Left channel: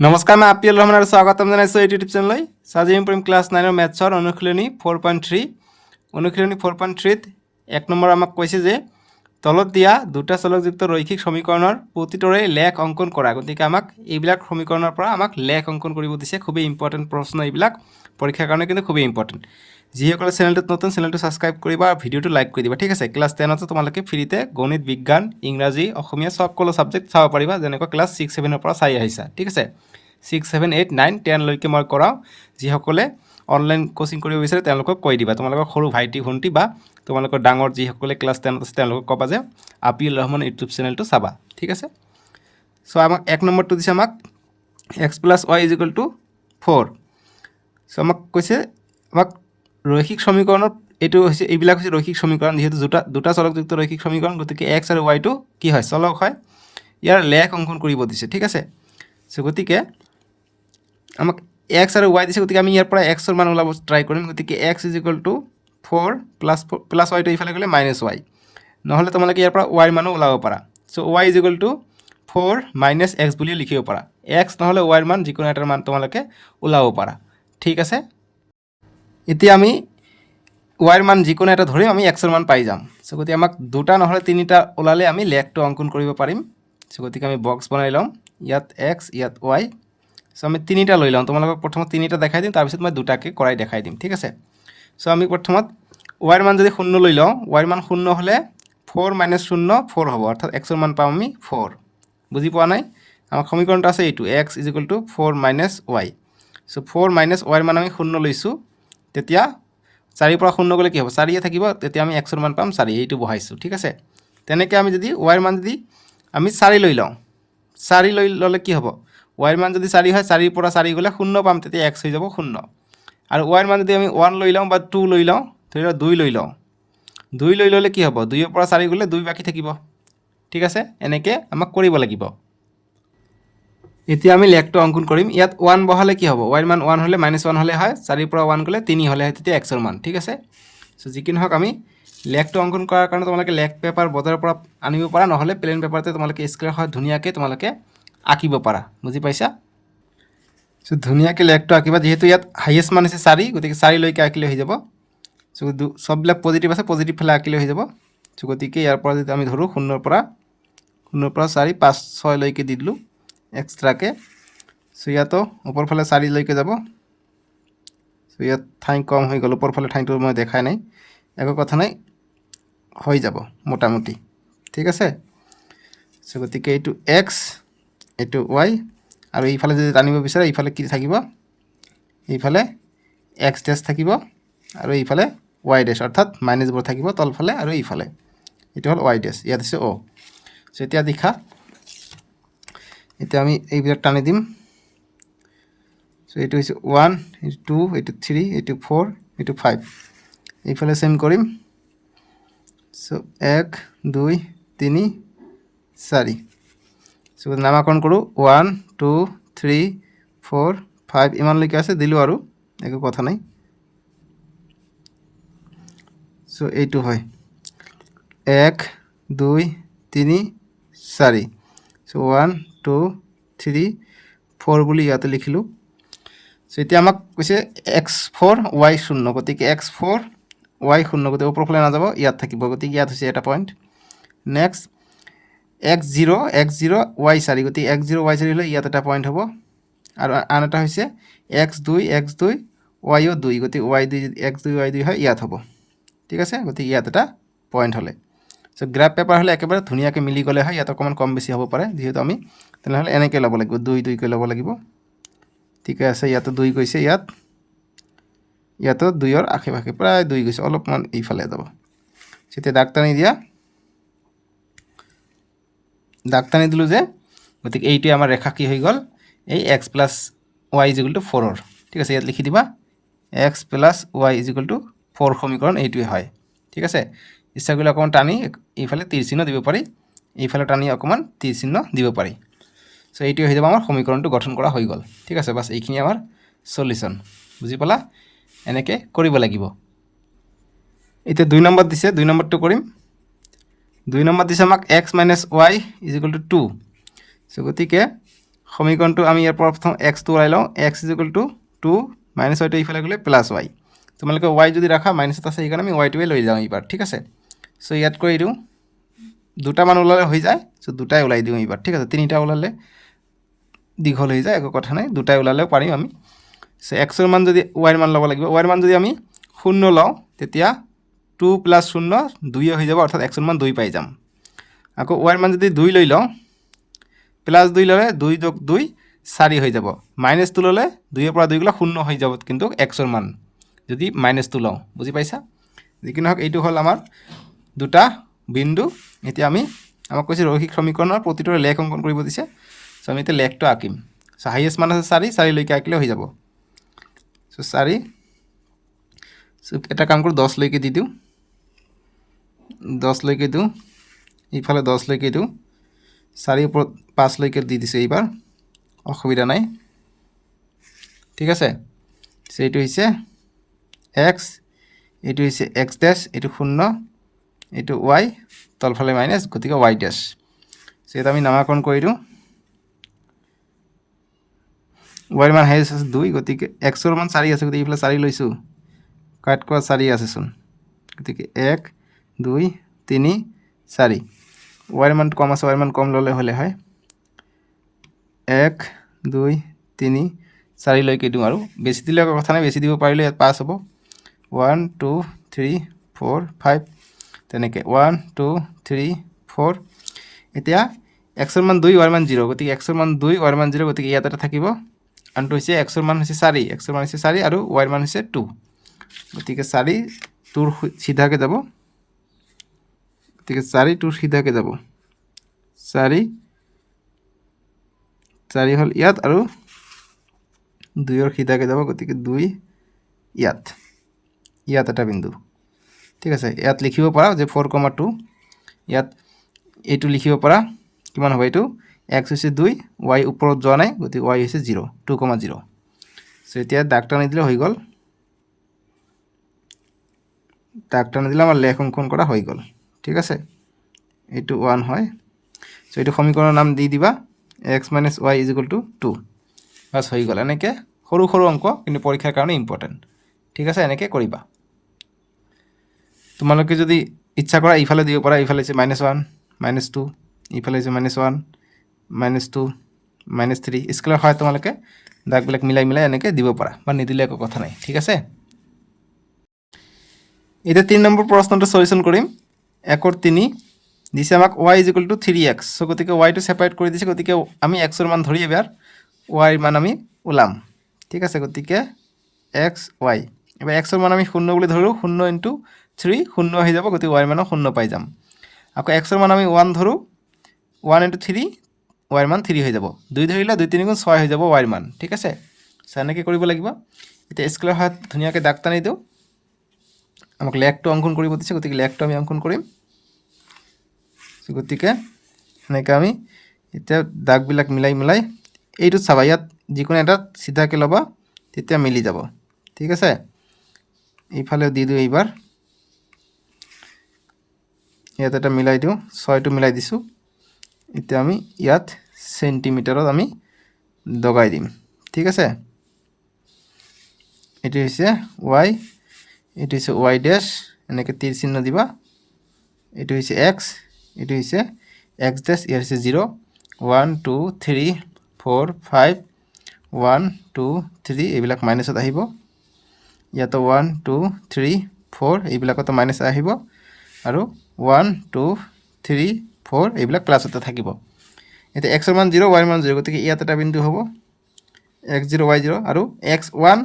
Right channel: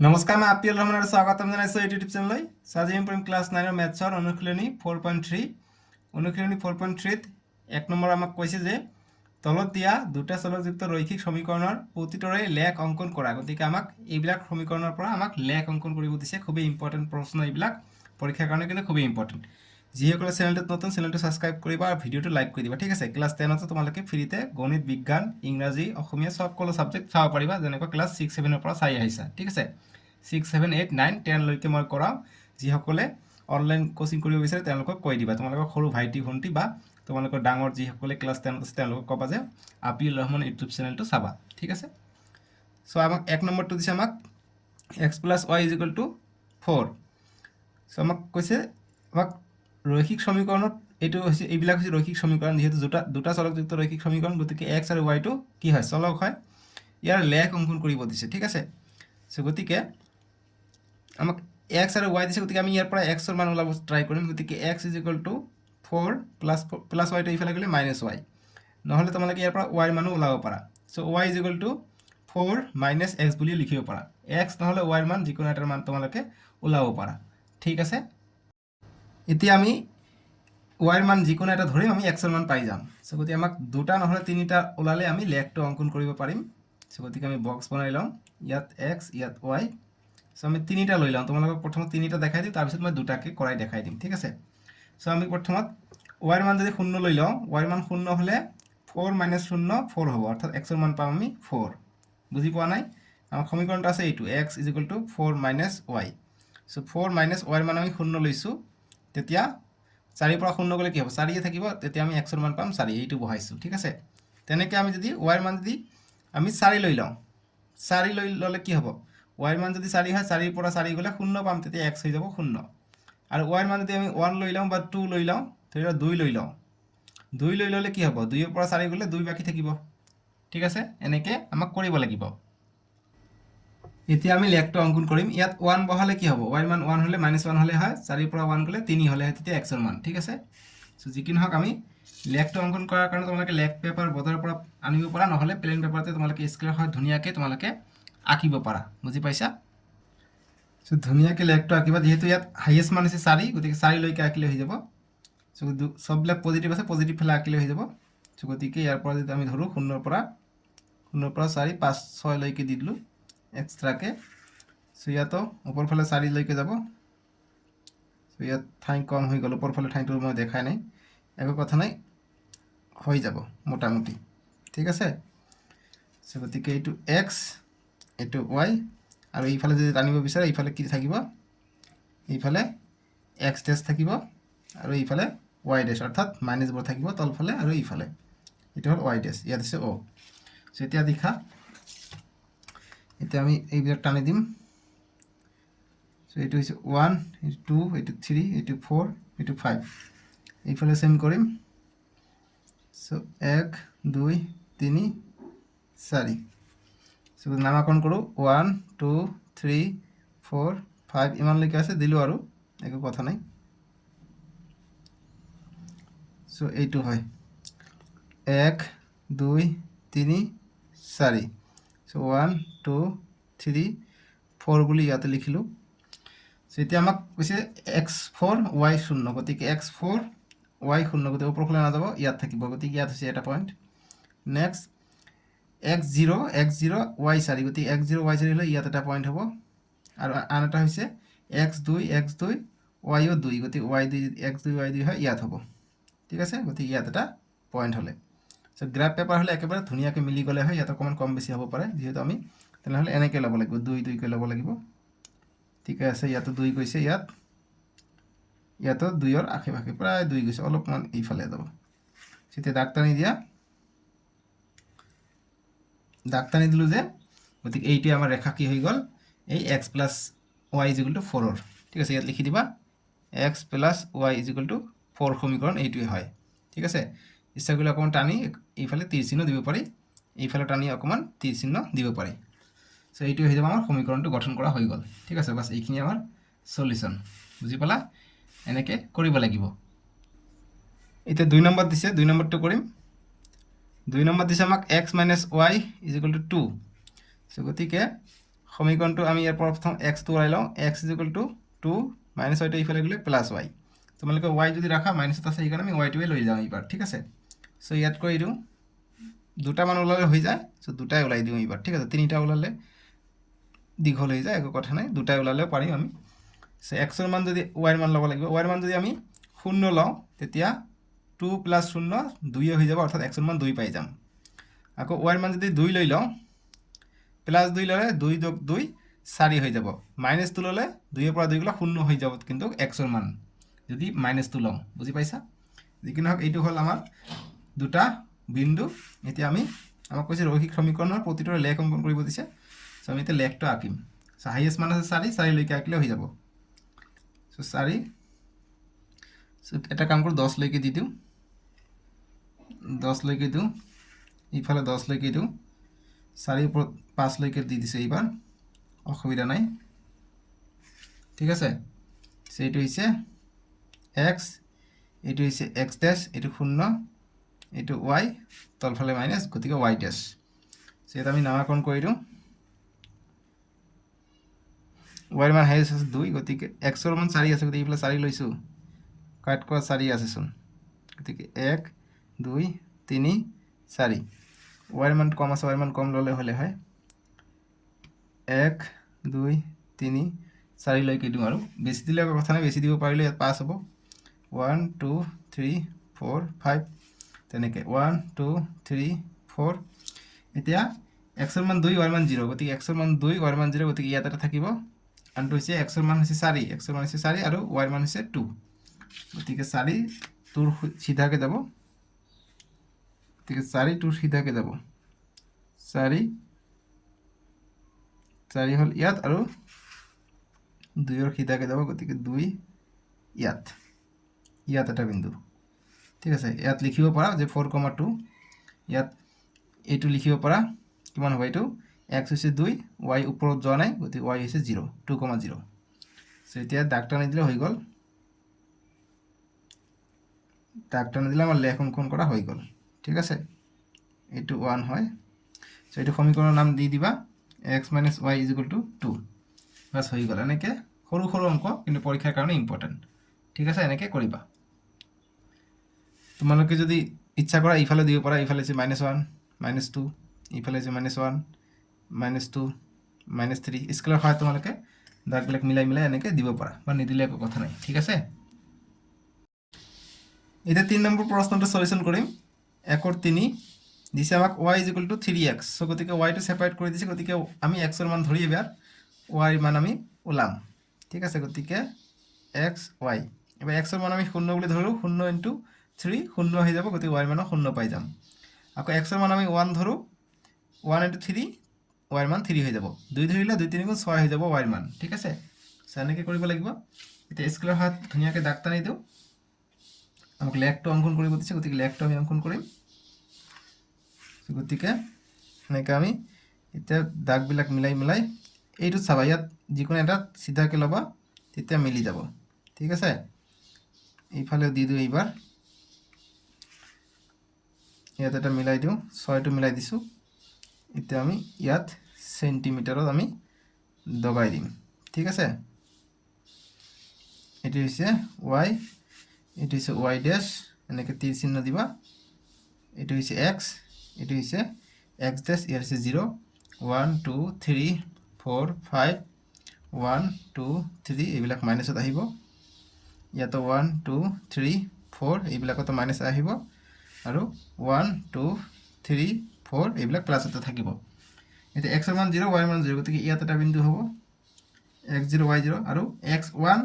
নমস্কাৰ, মই আপিল ৰহমান আৰু স্বাগতম জনাইছোঁ এই ইউটিউব চেনেললৈ। আজি আমি পঢ়িম ক্লাছ 9 মেথছৰ অনুশীলনী 4.3। অনুশীলনী 4.3ত 1 নম্বৰ আমাক কৈছে যে তলত দিয়া দুটা চলকযুক্ত ৰৈখিক সমীকৰণৰ প্ৰতিটোৰে লেখ অংকন কৰা। গতিকে আমাক এইবিলাক সমীকৰণৰ পৰা আমাক লেখ অংকন কৰিব দিছে। খুবেই ইম্পৰ্টেণ্ট প্ৰশ্ন এইবিলাক, পৰীক্ষাৰ কাৰণে কিন্তু খুবেই ইম্পৰ্টেণ্ট। যিসকলে চেনেলটোত নতুন, চেনেলটো ছাবস্ক্ৰাইব কৰিবা আৰু ভিডিঅ'টো লাইক কৰি দিবা, ঠিক আছে। ক্লাছ 10ত তোমালোকে ফ্ৰীতে গণিত, বিজ্ঞান, ইংৰাজী, অসমীয়া সকলো ছাবজেক্ট চাব পাৰিবা, যেনেকৈ ক্লাছ 6-7ৰ পৰা চাই আহিছা, ঠিক আছে। 6, 7, 8, 9, 10লৈকে মই কৰাওঁ। যিসকলে অনলাইন কোচিং কৰিব বিচাৰে তেওঁলোকক কৈ দিবা। তোমালোকৰ সৰু ভাইটি ভণ্টি বা তোমালোকৰ ডাঙৰ যিসকলে ক্লাছ 10ত আছে তেওঁলোকক ক'বা যে আপিল ৰহমান ইউটিউব চেনেলটো চাবা, ঠিক আছে। চ' আমাক 1 নম্বৰটো দিছে আমাক x + y = 4। চ' আমাক কৈছে আমাক ৰৈখিক সমীকৰণত এইবিলাক হৈছে ৰৈখিক সমীকৰণ। যিহেতু দুটা চলকযুক্ত ৰৈখিক সমীকৰণ, গতিকে x আৰু y টো কি হয়, চলক হয়। ইয়াৰ লেখ অংকন কৰিব দিছে, ঠিক আছে। চ' গতিকে আমাক x আৰু y দিছে, গতিকে আমি ইয়াৰ পৰা x ৰ মান ওলাব ট্ৰাই কৰিম। গতিকে x = 4 প্লাছ y টো এইফালে গ'লে -y, নহ'লে তোমালোকে ইয়াৰ পৰা y ৰ মানো ওলাব পাৰা। চ' y = 4 - x বুলি লিখিব পাৰা। x নহ'লে y ৰ মান যিকোনো এটাৰ মান তোমালোকে ওলাব পাৰা, ঠিক আছে। এতিয়া আমি y ৰ মান যিকোনো এটা ধৰিম, আমি x ৰ মান পাই যাম। চ' গতিকে আমাক দুটা নহ'লে তিনিটা ওলালে আমি লেখটো অংকন কৰিব পাৰিম। চ' গতিকে আমি বক্স বনাই ল'ম, ইয়াত x, ইয়াত y। চ' আমি তিনিটা লৈ লওঁ। তোমালোকক প্ৰথমত তিনিটা দেখাই দিম, তাৰপিছত মই দুটাকৈ কৰাই দেখাই দিম, ঠিক আছে। চ' আমি প্ৰথমত y ৰ মান যদি 0 লৈ লওঁ, y ৰ মান 0 হ'লে 4 - 0 4 হ'ব, অৰ্থাৎ x ৰ মান পাম আমি 4। বুজি পোৱা নাই? আমাৰ সমীকৰণটো আছে এইটো, x = 4 - y। চ' 4 - y ৰ মান আমি 0 লৈছোঁ। তেতিয়া 4ৰ পৰা 0 গ'লে কি হ'ব, 4য়ে থাকিব। তেতিয়া আমি x ৰ মান পাম 4, এইটো বহাইছোঁ, ঠিক আছে। তেনেকৈ আমি যদি y ৰ মান যদি আমি 4 লৈ লওঁ, 4 লৈ ল'লে কি হ'ব, y ৰ মান যদি 4 হয়, 4ৰ পৰা 4 গ'লে 0 পাম, তেতিয়া x হৈ যাব 0। আৰু y ৰ মান যদি আমি 1 লৈ লওঁ বা 2 লৈ লওঁ, ধৰি লওক 2 লৈ লওঁ, 2 লৈ ল'লে কি হ'ব, 2ৰ পৰা 4 গ'লে 2 বাকী থাকিব, ঠিক আছে। এনেকৈ আমাক কৰিব লাগিব। এতিয়া আমি লেখটো অংকন কৰিম। ইয়াত 1 বহালে কি হ'ব, y ৰ মান 1 হ'লে -1 হ'লে হয়, 4ৰ পৰা 1 গ'লে 3 হ'লে হয়, তেতিয়া x ৰ মান, ঠিক আছে। চ' যি কি নহওক আমি লেখটো অংকন কৰাৰ কাৰণে তোমালোকে লেখ পেপাৰ বজাৰৰ পৰা আনিব পাৰা, নহ'লে প্লেন পেপাৰতে তোমালোকে স্কেলৰ সহায়ত ধুনীয়াকৈ তোমালোকে আঁকিব পাৰা, বুজি পাইছা। চ' ধুনীয়াকৈ লেখটো আঁকিবা। যিহেতু ইয়াত হাইয়েষ্ট মান হৈছে 4, গতিকে 4লৈকে আঁকিলে হৈ যাব। চ' চববিলাক পজিটিভ আছে, পজিটিভ ফালে আঁকিলে হৈ যাব। চ' গতিকে ইয়াৰ পৰা যদি আমি ধৰোঁ 0ৰ পৰা 4, 5, 6লৈকে দি দিলোঁ এক্সট্ৰাকৈ। চ' ইয়াতো ওপৰ ফালে 4লৈকে যাব। চ' ইয়াত ঠাই কম হৈ গ'ল, ওপৰ ফালে ঠাইটো মই দেখাই নাই, একো কথা নাই, হৈ যাব মোটামুটি, ঠিক আছে। চ' গতিকে এইটো x, এইটো y, আৰু এইফালে যদি টানিব বিচাৰে এইফালে কি থাকিব, এইফালে x ডেছ থাকিব, আৰু এইফালে y ডেছ, অৰ্থাৎ মাইনাছবোৰ থাকিব তলফালে, আৰু এইফালে এইটো হ'ল y ডেছ, ইয়াত আছে o। চ' এতিয়া দেখা, এতিয়া আমি এইবিলাক টানি দিম। চ' এইটো হৈছে 1, এইটো 2, এইটো 3, এইটো 4, এইটো 5, এইফালে চেম কৰিম। চ' 1, 2, 3, 4। চ' নামাকৰণ কৰোঁ, 1, 2, 3, 4, 5 ইমানলৈকে আছে, দিলোঁ আৰু একো কথা নাই। চ' এইটো হয় 1, 2, 3, 4। চ' 1, 2, 3, 4 বুলি ইয়াতে লিখিলোঁ। চ' এতিয়া আমাক কৈছে x4 y0, গতিকে x4 y0, গতিকে ওপৰফালে নাযাব, ইয়াত থাকিব, গতিকে ইয়াত হৈছে এটা পইণ্ট। নেক্সট x0 y4, গতিকে x0 y4 হ'লে ইয়াত এটা পইণ্ট হ'ব। আৰু আন এটা হৈছে x2 y2, গতিকে y2 x2 y2 হয়, ইয়াত হ'ব, ঠিক আছে। গতিকে ইয়াত এটা পইণ্ট হ'লে। চ' গ্ৰাফ পেপাৰ হ'লে একেবাৰে ধুনীয়াকৈ মিলি গ'লে হয়, ইয়াত অকণমান কম বেছি হ'ব পাৰে, যিহেতু আমি তেনেহ'লে এনেকৈ ল'ব লাগিব, 2, 2কৈ ল'ব লাগিব, ঠিকে আছে। ইয়াতো 2 গৈছে, ইয়াতো 2ৰ আশে পাশে প্ৰায় 2 গৈছে, অলপমান এইফালে যাব। তেতিয়া দাগ টানি দিয়া, দাগ টানি দিলোঁ যে, গতিকে এইটোৱে আমাৰ ৰেখা কি হৈ গ'ল, এই x + y = 4ৰ, ঠিক আছে। ইয়াত লিখি দিবা x + y = 4 সমীকৰণ এইটোৱে হয়, ঠিক আছে। ইচ্ছা কৰিলে অকণমান টানি এইফালে তীৰ চিহ্ন দিব পাৰি, এইফালে টানি অকণমান তীৰ চিহ্ন দিব পাৰি। চ' এইটোৱে হৈ যাব আমাৰ সমীকৰণটো গঠন কৰা হৈ গ'ল, ঠিক আছে। বাছ এইখিনি আমাৰ সলিউশ্যন, বুজি পালা। এনেকৈ কৰিব লাগিব। এতিয়া 2 নম্বৰ দিছে, 2 নম্বৰটো কৰিম। 2 নম্বৰ দিছে আমাক x - y = 2। চ' গতিকে সমীকৰণটো আমি ইয়াৰ পৰা প্ৰথম এক্সটো ওলাই লওঁ x is equal to 2 minus ৱাইটো এইফালে গ'লে প্লাছ ৱাই তোমালোকে ৱাই যদি ৰাখা মাইনাছত আছে সেইকাৰণে আমি ৱাইটোৱে লৈ যাওঁ এইবাৰ ঠিক আছে চ' ইয়াত কৰি দিওঁ দুটামান ওলালে হৈ যায় চ' দুটাই ওলাই দিওঁ এইবাৰ ঠিক আছে তিনিটা ওলালে দীঘল হৈ যায় একো কথা নাই দুটাই ওলালেও পাৰিম আমি চ' এক্সৰ মান যদি ৱাইৰ মান ল'ব লাগিব ৱাইৰ মান যদি আমি 0 লওঁ তেতিয়া 2 + 0 2 হৈ যাব অৰ্থাৎ এক্সৰ মান 2 পাই যাম আকৌ ৱাইৰ মান যদি 2 লৈ লওঁ প্লাছ 2 ল'লে 2 যোগ 2 4 হৈ যাব মাইনাছ 2 ল'লে 2 পৰা 2 গ'লে 0 হৈ যাব কিন্তু এক্সৰ মান যদি মাইনাছ 2 লওঁ বুজি পাইছা যিকি নহওক এইটো হ'ল আমাৰ দুটা বিন্দু এতিয়া আমি আমাক কৈছে ৰৈখিক সমীকৰণৰ প্ৰতিটোৰে লেখ অংকন কৰিব দিছে চ' আমি এতিয়া লেখটো আঁকিম চ' হাইয়েষ্ট মান আছে 4 4 লৈকে আঁকিলে হৈ যাব চ' 4 চ' এটা কাম কৰোঁ 10 লৈকে দি দিওঁ 10 লৈকে দিওঁ ইফালে 10 লৈকে দিওঁ 4 ওপৰত 5 লৈকে দি দিছোঁ এইবাৰ অসুবিধা নাই ঠিক আছে চ' এইটো হৈছে এক্স এইটো হৈছে এক্স ডেছ এইটো 0 এইটো ৱাই তলফালে মাইনাছ গতিকে ৱাই ডেছ চ' ইয়াত আমি নামাকৰণ কৰি দিওঁ ৱাইৰ মান হাইয়েষ্ট আছে 2 গতিকে এক্সৰ মান 4 আছে গতিকে এইফালে 4 লৈছোঁ কাট কৰা 4 আছেচোন গতিকে 1 2 3 4 ৱাইৰ মান কম আছে ৱাইৰ মান কম ল'লে হ'লে হয় 1 2 3 4 লৈকে দিওঁ আৰু বেছি দিলে কথা নাই বেছি দিব পাৰিলে ইয়াত পাছ হ'ব 1 2 3 4 5 তেনেকৈ 1 2 3 4 এতিয়া এক্সৰ মান 2 ৱাইৰ মান 0 গতিকে এক্সৰ মান 2 ৱাইৰ মান 0 গতিকে ইয়াত এটা থাকিব আনটো হৈছে এক্সৰ মান হৈছে 4 এক্সৰ মান হৈছে 4 আৰু ৱাইৰ মান হৈছে 2 গতিকে 4 2ৰ চিধাকৈ যাব গতিকে 4 2ৰ চিধাকৈ যাব 4 4 হ'ল ইয়াত আৰু 2ৰ সিধাকৈ যাব গতিকে 2 ইয়াত এটা বিন্দু ঠিক আছে ইয়াত লিখিব পাৰা যে 4,2 ইয়াত এইটো লিখিব পাৰা কিমান হ'ব এইটো এক্স হৈছে 2 ৱাই ওপৰত যোৱা নাই গতিকে ৱাই হৈছে 0 2,0 চ' এতিয়া দাগ টানি দিলে হৈ গ'ল দাগ টানি দিলে আমাৰ লেখ অংকন কৰা হৈ গ'ল ঠিক আছে এইটো 1 হয় চ' এইটো সমীকৰণৰ নাম দি দিবা x minus y is equal to 2 bus হৈ গ'ল এনেকৈ সৰু সৰু অংক কিন্তু পৰীক্ষাৰ কাৰণে ইম্পৰ্টেণ্ট ঠিক আছে এনেকৈ কৰিবা তোমালোকে যদি ইচ্ছা কৰা ইফালে দিব পাৰা ইফালে হৈছে -1 -2 ইফালে হৈছে -1 -2 -3 স্কেলৰ সহায়ত তোমালোকে দাগবিলাক মিলাই মিলাই এনেকৈ দিব পাৰা বা নিদিলে একো কথা নাই ঠিক আছে এতিয়া 3 নম্বৰ প্ৰশ্নটো সলিউশ্যন কৰিম 1 3 দিছে আমাক y is equal two 3x চ' গতিকে ৱাইটো ছেপাৰেট কৰি দিছে গতিকে আমি এক্সৰ মান ধৰি এবাৰ ৱাইৰ মান আমি ওলাম ঠিক আছে গতিকে এক্স ৱাই এবাৰ এক্সৰ মান আমি 0 বুলি ধৰোঁ 0 ইনটু 3 0 হৈ যাব গতিকে ৱাইৰ মানো 0 পাই যাম আকৌ এক্সৰ মান আমি 1 ধৰোঁ 1 ইনটু 3 ৱাইৰ মান 3 হৈ যাব 2 ধৰিলে 2 3 গুণ 6 হৈ যাব ৱাইৰ মান ঠিক আছে চ' এনেকৈ কৰিব লাগিব এতিয়া স্কেলৰ সহায়ত ধুনীয়াকৈ দাগ টানি দিওঁ আমাক লেখটো অংকন কৰিব দিছে গতিকে লেখটো আমি অংকন কৰিম গতিকে এনেকৈ আমি এতিয়া দাগবিলাক মিলাই মিলাই এইটো চাবা ইয়াত যিকোনো এটা চিধাকৈ ল'বা তেতিয়া মিলি যাব ঠিক আছে এইফালেও দি দিওঁ এইবাৰ ইয়াত এটা মিলাই দিওঁ 6টো মিলাই দিছোঁ এতিয়া আমি ইয়াত চেণ্টিমিটাৰত আমি দগাই দিম ঠিক আছে এইটো হৈছে ৱাই এইটো হৈছে ৱাই ডেছ এনেকৈ তীৰ চিহ্ন দিবা এইটো হৈছে এক্স এইটো হৈছে এক্স ডেছ ইয়াৰ হৈছে 0 1 2 3 4 5 1 2 3 এইবিলাক মাইনাছত আহিব ইয়াতো 1 2 3 4 এইবিলাকতো মাইনাছ আহিব আৰু 1 2 3 4 এইবিলাক প্লাছতে থাকিব এতিয়া এক্সৰ মান 0 ৱাইৰ মান 0 গতিকে ইয়াত এটা বিন্দু হ'ব x0 y0 আৰু x1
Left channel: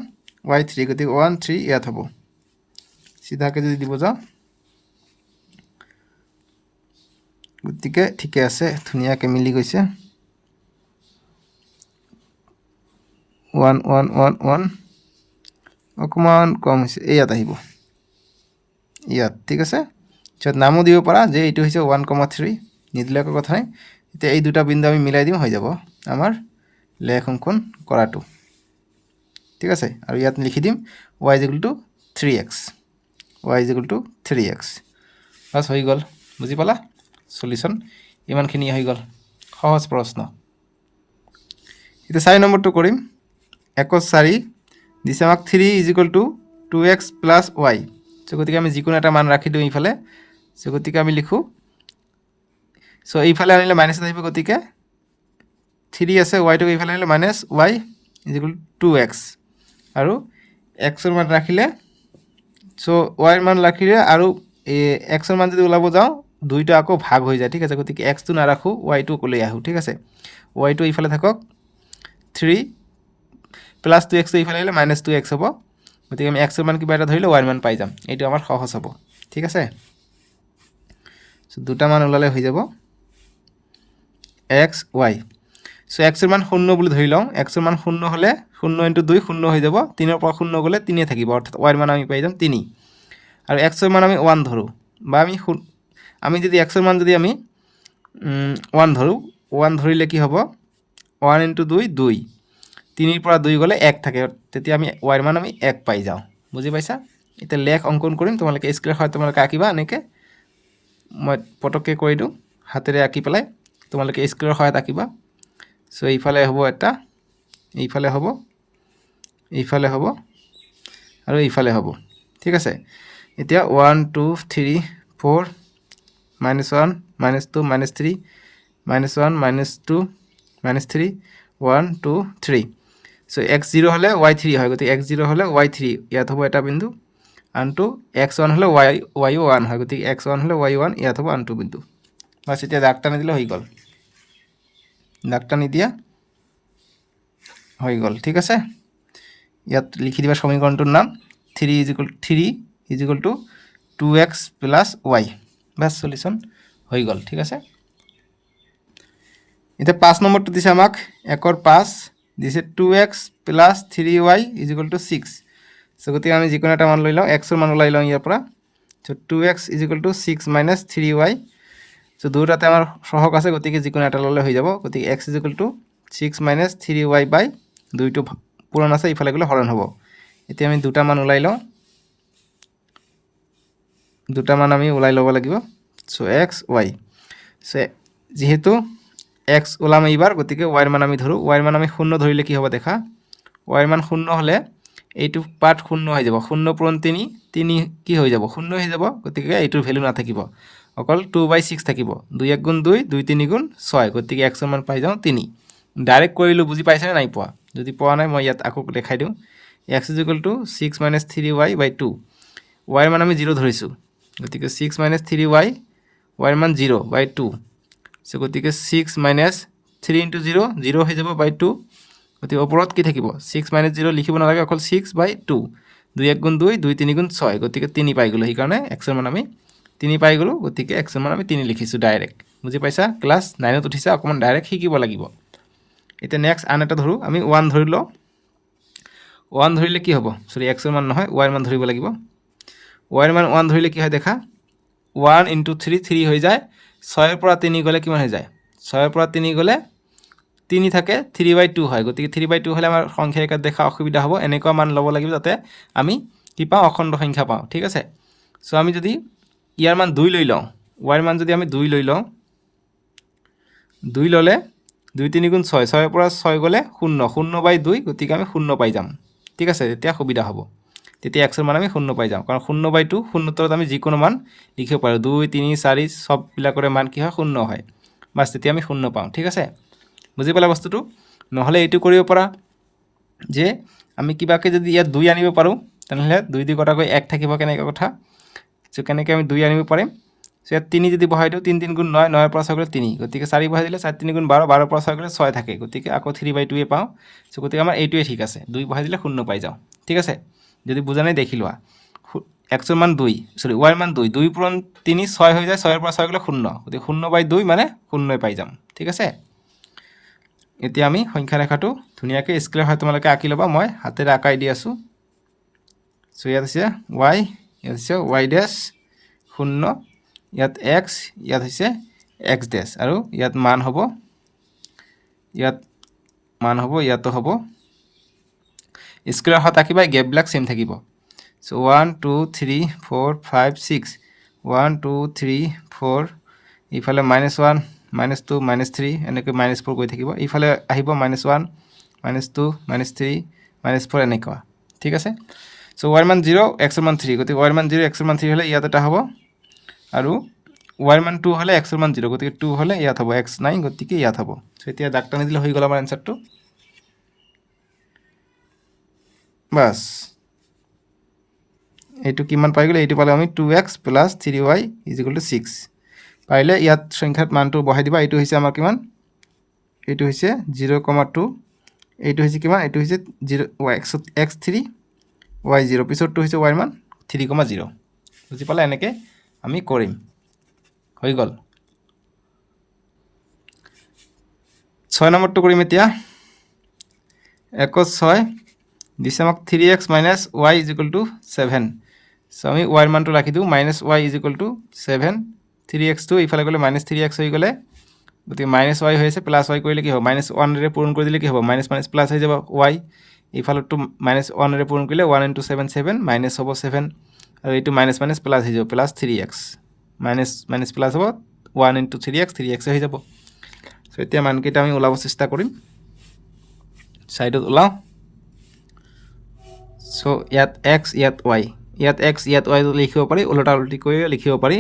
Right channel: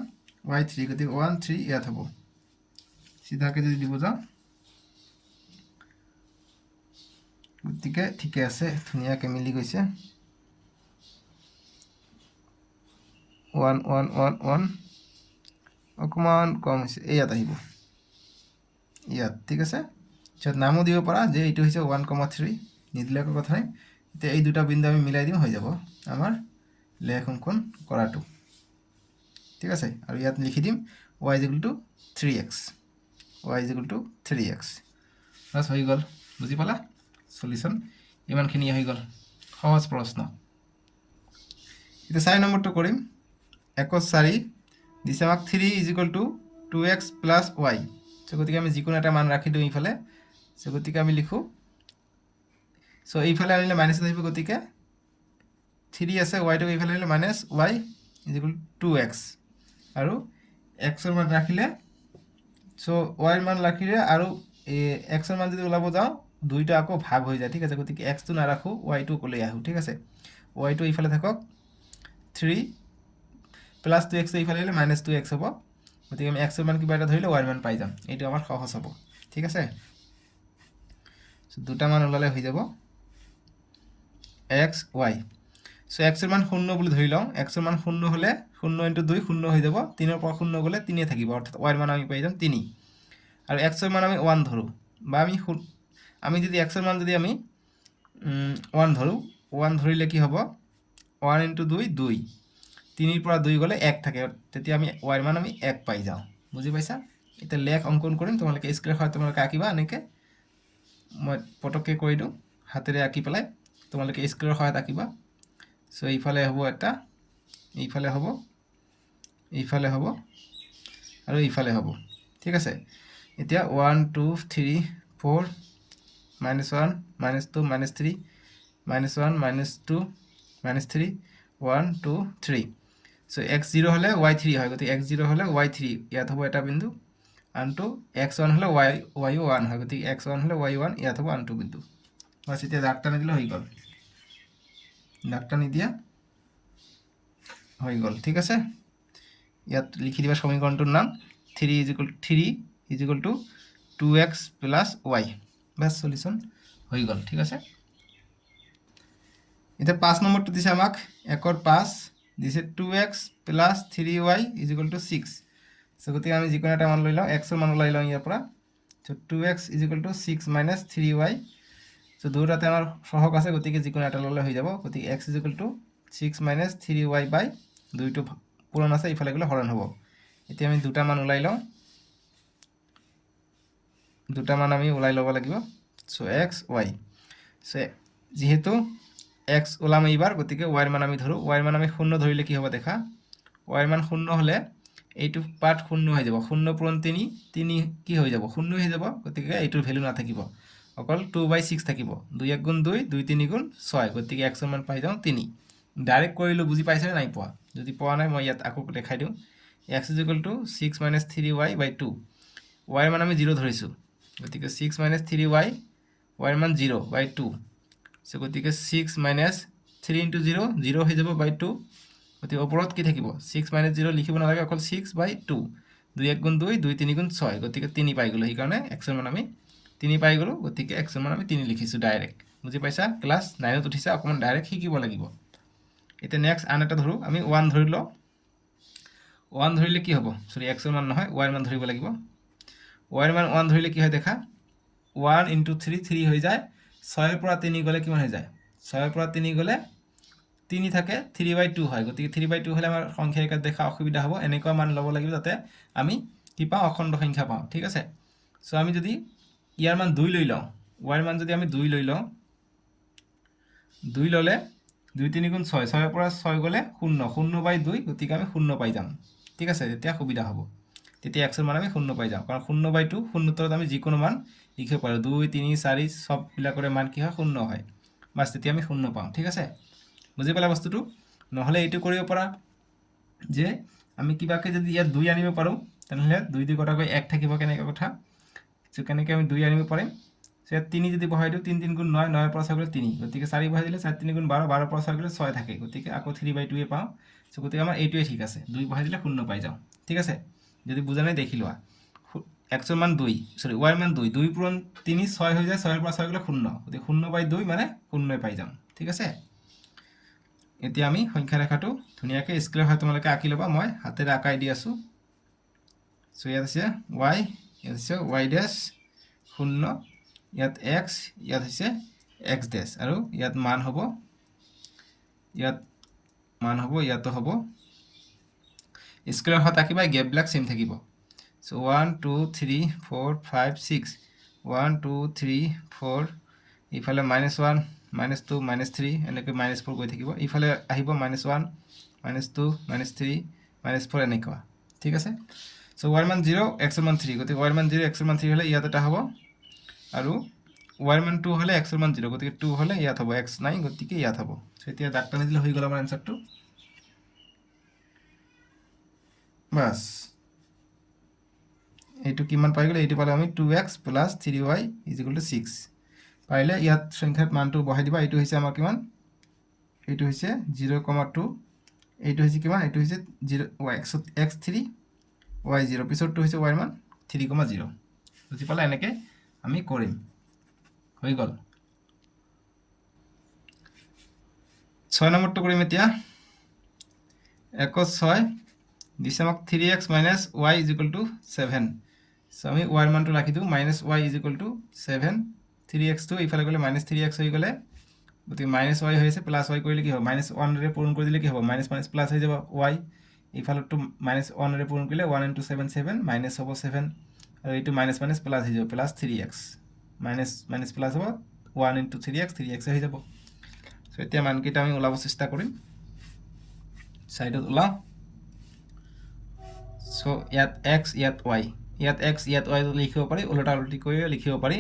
y3 গতিকে 1 3 ইয়াত হ'ব চিধাকৈ যদি দিব যাওঁ গতিকে ঠিকে আছে ধুনীয়াকৈ মিলি গৈছে 1 1 1 1 অকণমান কম হৈছে ইয়াত আহিব ইয়াত ঠিক আছে পিছত নামো দিব পাৰা যে এইটো হৈছে 1,3 নিদিলে একো কথা নাই এতিয়া এই দুটা বিন্দু আমি মিলাই দিম হৈ যাব আমাৰ লেখ অংকন কৰাটো ঠিক আছে আৰু ইয়াত লিখি দিম y is equal two 3x y is equal two 3x bus হৈ গ'ল বুজি পালা সলিউশ্যন ইমানখিনি হৈ গ'ল সহজ প্ৰশ্ন এতিয়া 4 নম্বৰটো কৰিম 1/4 দিছে আমাক 3 = 2x + y। চ' গতিকে আমি যিকোনো এটা মান ৰাখি দিওঁ এইফালে। চ' গতিকে আমি লিখোঁ, চ' এইফালে আনিলে মাইনাছ আহিব, গতিকে 3 আছে, ৱাইটো এইফালে আনিলে -y = 2x আৰু এক্সৰ মান ৰাখিলে, চ' ৱাইৰ মান ৰাখিলে আৰু এক্সৰ মান যদি ওলাব যাওঁ দুইটা আকৌ ভাগ হৈ যায়, ঠিক আছে। গতিকে এক্সটো নাৰাখোঁ, ৱাইটো ওলাই আহোঁ, ঠিক আছে। ৱাইটো এইফালে থাকক, 3 + 2x এইফালে আহিলে -2x হ'ব। গতিকে আমি এক্সৰ মান কিবা এটা ধৰিলে ৱাইৰ মান পাই যাম, এইটো আমাৰ সহজ হ'ব, ঠিক আছে। চ' দুটা মান ওলালে হৈ যাব x y। চ' এক্সৰ মান 0 বুলি ধৰি লওঁ, এক্সৰ মান 0 হ'লে 0 × 2 0 হৈ যাব, 3ৰ পৰা 0 গ'লে 3 থাকিব, অৰ্থাৎ ৱাইৰ মান আমি পাই যাম 3। আৰু এক্সৰ মান আমি 1 ধৰোঁ, বা আমি যদি এক্সৰ মান যদি আমি 1 ধৰোঁ, 1 ধৰিলে কি হ'ব, 1 × 2 2, 3ৰ পৰা 2 গ'লে 1 থাকে, তেতিয়া আমি ৱাইৰ মান আমি 1 পাই যাওঁ। বুজি পাইছা? এতিয়া লেখ অংকন কৰিম, তোমালোকে স্কেলৰ সহায়ত তোমালোকে আঁকিবা, এনেকৈ মই পটককৈ কৰি দিওঁ হাতেৰে আঁকি পেলাই, তোমালোকে স্কেলৰ সহায়ত আঁকিবা। চ' এইফালে হ'ব এটা, এইফালে হ'ব, এইফালে হ'ব আৰু এইফালে হ'ব, ঠিক আছে। এতিয়া 1 2 3 4 -1 -2 -3 -1 -2 -3 1 2 3। চ' x0 হ'লে y3 হয়, গতিকে x0 হ'লে y3 ইয়াত হ'ব এটা বিন্দু, আনটো x1 হ'লে y1 হয়, গতিকে x1 হ'লে y1 ইয়াত হ'ব আনটো বিন্দু। বাছ এতিয়া দাগ টানি দিলে হৈ গ'ল, দাগ টানি দিয়া হৈ গ'ল, ঠিক আছে। ইয়াত লিখি দিবা সমীকৰণটোৰ নাম 3 = 2x + y। বাছ সলিউশ্যন হৈ গ'ল, ঠিক আছে। এতিয়া 5 নম্বৰটো দিছে আমাক 1/5 দিছে 2x + 3y = 6। চ' গতিকে আমি যিকোনো এটা মান লৈ লওঁ, এক্সৰ মান ওলাই লওঁ ইয়াৰ পৰা। চ' 2x = 6 - 3y। চ' দুয়োটাতে আমাৰ সহগ আছে, গতিকে যিকোনো এটা ল'লে হৈ যাব। গতিকে x = 6 - 3y/ 2টো পূৰণ আছে, ইফালে গ'লে হৰণ হ'ব। এতিয়া আমি দুটা মান ওলাই লওঁ, দুটা মান আমি ওলাই ল'ব লাগিব। চ' x y। চ' যিহেতু x ওলাম এইবাৰ, গতিকে ৱাইৰ মান আমি ধৰোঁ। ৱাইৰ মান আমি 0 ধৰিলে কি হ'ব দেখা, ৱাইৰ মান 0 হ'লে এইটো পাৰ্ট 0 হৈ যাব, 0 × 3 3 কি হৈ যাব, 0 হৈ যাব। গতিকে এইটোৰ ভেলু নাথাকিব, অকল 2/6 থাকিব। 2 × 1 = 2, 2 × 3 = 6, গতিকে এক্সৰ মান পাই যাওঁ 3। ডাইৰেক্ট কৰিলোঁ, বুজি পাইছেনে নাই পোৱা? যদি পোৱা নাই মই ইয়াত আকৌ দেখাই দিওঁ। x = 6 - 3y/2। ৱাইৰ মান আমি 0 ধৰিছোঁ, গতিকে 6 - 3y, ৱাইৰ মান 0/2। চ' গতিকে 6 - 3 × 0 0 হৈ যাব /2। গতিকে ওপৰত কি থাকিব, 6 - 0 লিখিব নালাগে, অকল 6/2। 2 × 1 = 2, 2 × 3 = 6, গতিকে 3 পাই গ'লোঁ। সেইকাৰণে এক্সৰ মান আমি 3 পাই গ'লোঁ, গতিকে এক্সৰ মান আমি 3 লিখিছোঁ ডাইৰেক্ট। বুজি পাইছা? ক্লাছ 9ত উঠিছা, অকণমান ডাইৰেক্ট শিকিব লাগিব। এতিয়া নেক্সট আন এটা ধৰোঁ, আমি 1 ধৰি লওঁ। 1 ধৰিলে কি হ'ব, চৰি এক্সৰ মান নহয়, ৱাইৰ মান ধৰিব লাগিব। ৱাইৰ মান 1 ধৰিলে কি হয় দেখা, 1 × 3 3 হৈ যায়, 6ৰ পৰা 3 গ'লে কিমান হৈ যায়, 6ৰ পৰা 3 গ'লে 3 থাকে, 3/2 হয়। গতিকে 3/2 হ'লে আমাৰ সংখ্যা ৰেখাত দেখা অসুবিধা হ'ব, এনেকুৱা মান ল'ব লাগিব যাতে আমি কি পাওঁ, অখণ্ড সংখ্যা পাওঁ, ঠিক আছে। চ' আমি যদি ইয়াৰ মান 2 লৈ লওঁ, ৱাইৰ মান যদি আমি 2 লৈ লওঁ, 2 ল'লে 2 × 3 = 6, 6ৰ পৰা 6 গ'লে 0, 0/2, গতিকে আমি 0 পাই যাম, ঠিক আছে। তেতিয়া সুবিধা হ'ব, তেতিয়া এক্সৰ মান আমি 0 পাই যাওঁ, কাৰণ 0/2, 0ৰ তলত আমি যিকোনো মান লিখিব পাৰোঁ। 2 3 4 চববিলাকৰে মান কি হয়, 0 হয়। বাছ তেতিয়া আমি 0 পাওঁ, ঠিক আছে। বুজি পালা বস্তুটো? নহ'লে এইটো কৰিব পাৰা যে আমি কিবাকৈ যদি ইয়াত 2 আনিব পাৰোঁ, তেনেহ'লে 2 × 2 কটাকৈ 1 থাকিব, কেনেকৈ কথা। চ' কেনেকৈ আমি 2 আনিব পাৰিম, চ' ইয়াত 3 যদি বহাই দিওঁ, 3 × 3 = 9, 9ৰ পৰা 6 গ'লে 3, গতিকে 4 বহাই দিলে 4 × 3 = 12, 12ৰ পৰা 6 গ'লে 6 থাকে, গতিকে আকৌ 3/2 পাওঁ। চ' গতিকে আমাৰ এইটোৱে ঠিক আছে, 2 বহাই দিলে 0 পাই যাওঁ, ঠিক আছে। যদি বুজা নাই দেখি লোৱা। এক্সৰ মান 2, চৰি ৱাইৰ মান 2, 2 × 3 6 হৈ যায়, 6ৰ পৰা 6 গ'লে 0, গতিকে 0/2 মানে 0 পাই যাম, ঠিক আছে। এতিয়া আমি সংখ্যা ৰেখাটো ধুনীয়াকৈ স্কেলৰ সহায়ত তোমালোকে আঁকি ল'বা, মই হাতেৰে আঁকাই দি আছোঁ। চ' ইয়াত হৈছে y, ইয়াত হৈছে y', 0, ইয়াত x, ইয়াত হৈছে x', আৰু ইয়াত মান হ'ব, ইয়াতো হ'ব। স্কেলৰ সহায়ত আঁকিবা, গেপবিলাক ছেম থাকিব। চ' 1 2 3 4 5 6, 1 2 3 4, ইফালে -1 -2 -3, এনেকৈ -4 গৈ থাকিব, ইফালে আহিব -1 -2 -3 -4 এনেকুৱা ঠিক আছে সো y মান 0 x ৰ মান 3 গতিকে y ৰ মান 0 x ৰ মান 3 হলে ইয়াত এটা হ'ব আৰু y ৰ মান 2 হলে x ৰ মান 0 গতিকে 2 হলে ইয়াত হ'ব x নাই গতিকে ইয়াত হ'ব সো এতিয়া দাগ টানি দিলে হৈ গ'ল আমাৰ আনসারটো বাস এইটো কিমান পাই গ'লে এইটো পালে আমি 2x + 3y = 6 পাইলে ইয়াত সংখ্যাত মানটো বহাই দিবা এইটো হৈছে আমাৰ কিমান এইটো হৈছে 0,2 এইটো হৈছে কিমান এইটো হৈছে 0 x3 y0 পিছৰটো হৈছে y ৰ মান 3,0 বুজি পালা এনেকে আমি কৰিম হৈ গ'ল 6 নম্বৰটো কৰিম এতিয়া 6 দিছে আমাক 3x - y = 7 সো আমি y ৰ মানটো ৰাখি দিও -y = 7 3x টো ইফালে গলে -3x হৈ গলে গতি -y হৈছে +y কৰিলে কি হ'ব -1 ৰে পূৰণ কৰি দিলে কি হ'ব মাইনাস মাইনাস প্লাস হৈ যাব y ইফালটো -1 ৰে পূৰণ কৰিলে 1 * 7 7 মাইনাস হ'ব 7 আৰু এইটো মাইনাস মাইনাস প্লাস হৈ যাব +3x মাইনাস মাইনাস প্লাস হ'ব 1 * 3x 3x হৈ যাব সো এতিয়া মানকেইটা আমি ওলাব চেষ্টা কৰিম সাইডত ওলাও সো ইয়াত x ইয়াত y ইয়াত x ইয়াত y লিখিব পাৰি উল্টা উল্টি কৰি লিখিব পাৰি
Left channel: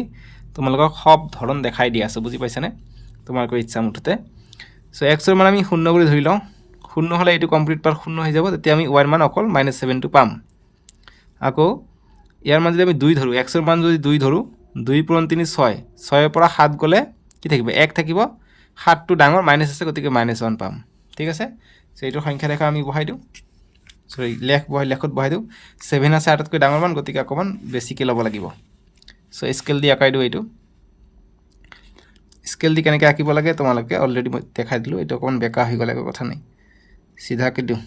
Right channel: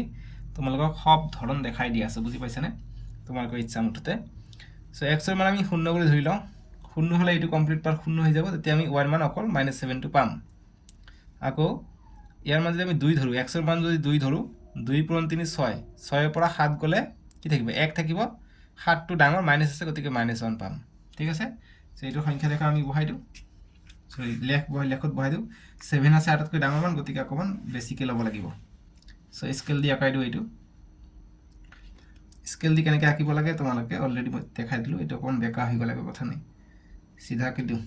তোমালোকক সব ধৰণ দেখাই দি আছে বুজি পাইছানে তোমালোকৰ ইচ্ছা মুঠতে সো x ৰ মান আমি 0 কৰি ধৰি লওঁ 0 হলে এইটো কমপ্লিট পাৰ 0 হৈ যাব তেতিয়া আমি y ৰ মান অকল -7 টো পাম আকৌ ইয়াৰ মান যদি আমি 2 ধৰো x ৰ মান যদি 2 ধৰো 2 * 3 = 6 6 ৰ পৰা 7 গলে কি থাকিব 1 থাকিব 7 টো ডাঙৰ মাইনাস আছে গতিকে -1 পাম ঠিক আছে সো এইটো সংখ্যা ৰেখা আমি বহাই দিও সৰি লেখত বহাই দিও 7 আছে 8তকৈ ডাঙৰ মান গতিকে অকমান বেছিকে ল'ব লাগিব সো স্কেল দি আঁকাই দিও এইটো স্কেল দি কেনেকৈ আঁকিব লাগে তোমালোকে অলৰেডি মই দেখাই দিলো এটা অকমান বেকা হৈ গ'লে কথা নাই সিধাকে দিও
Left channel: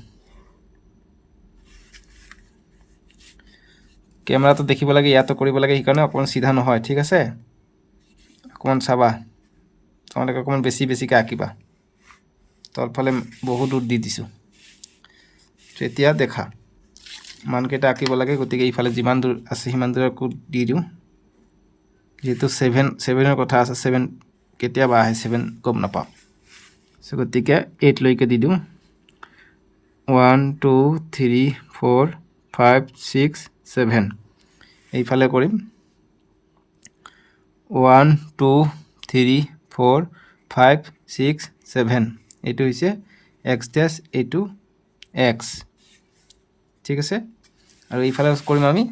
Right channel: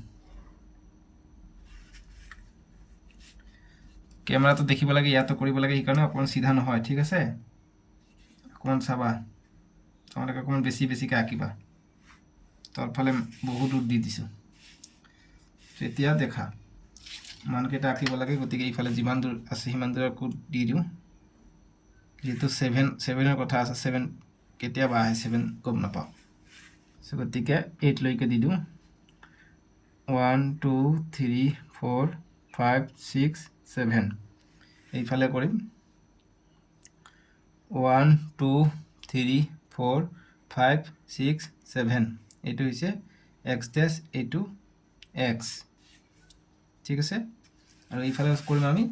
ক্যামেৰাটো দেখিব লাগে ইয়াতো কৰিব লাগে সেইকাৰণে অকমান সিধা নহয় ঠিক আছে অকমান চাবা তোমালোকে অকমান বেছিকে আঁকিবা তলফালে বহুত দূৰ দি দিছো এতিয়া দেখা মানকেইটা আঁকিব লাগে গতিকে ইফালে যিমান দূৰ আছে সিমান দূৰকো দি দিও যেহেতু 7 ৰ কথা আছে 7 কেতিয়াবা আহে 7 গম নাপাও সো গতিকে 8 লৈকে দি দিও 1 2 3 4 5 6 7 এইফালে কৰিম 1 2 3 4 5 6 7 এইটো হৈছে x ড্যাশ এইটো x ঠিক আছে আৰু এইফালে কৰিম আমি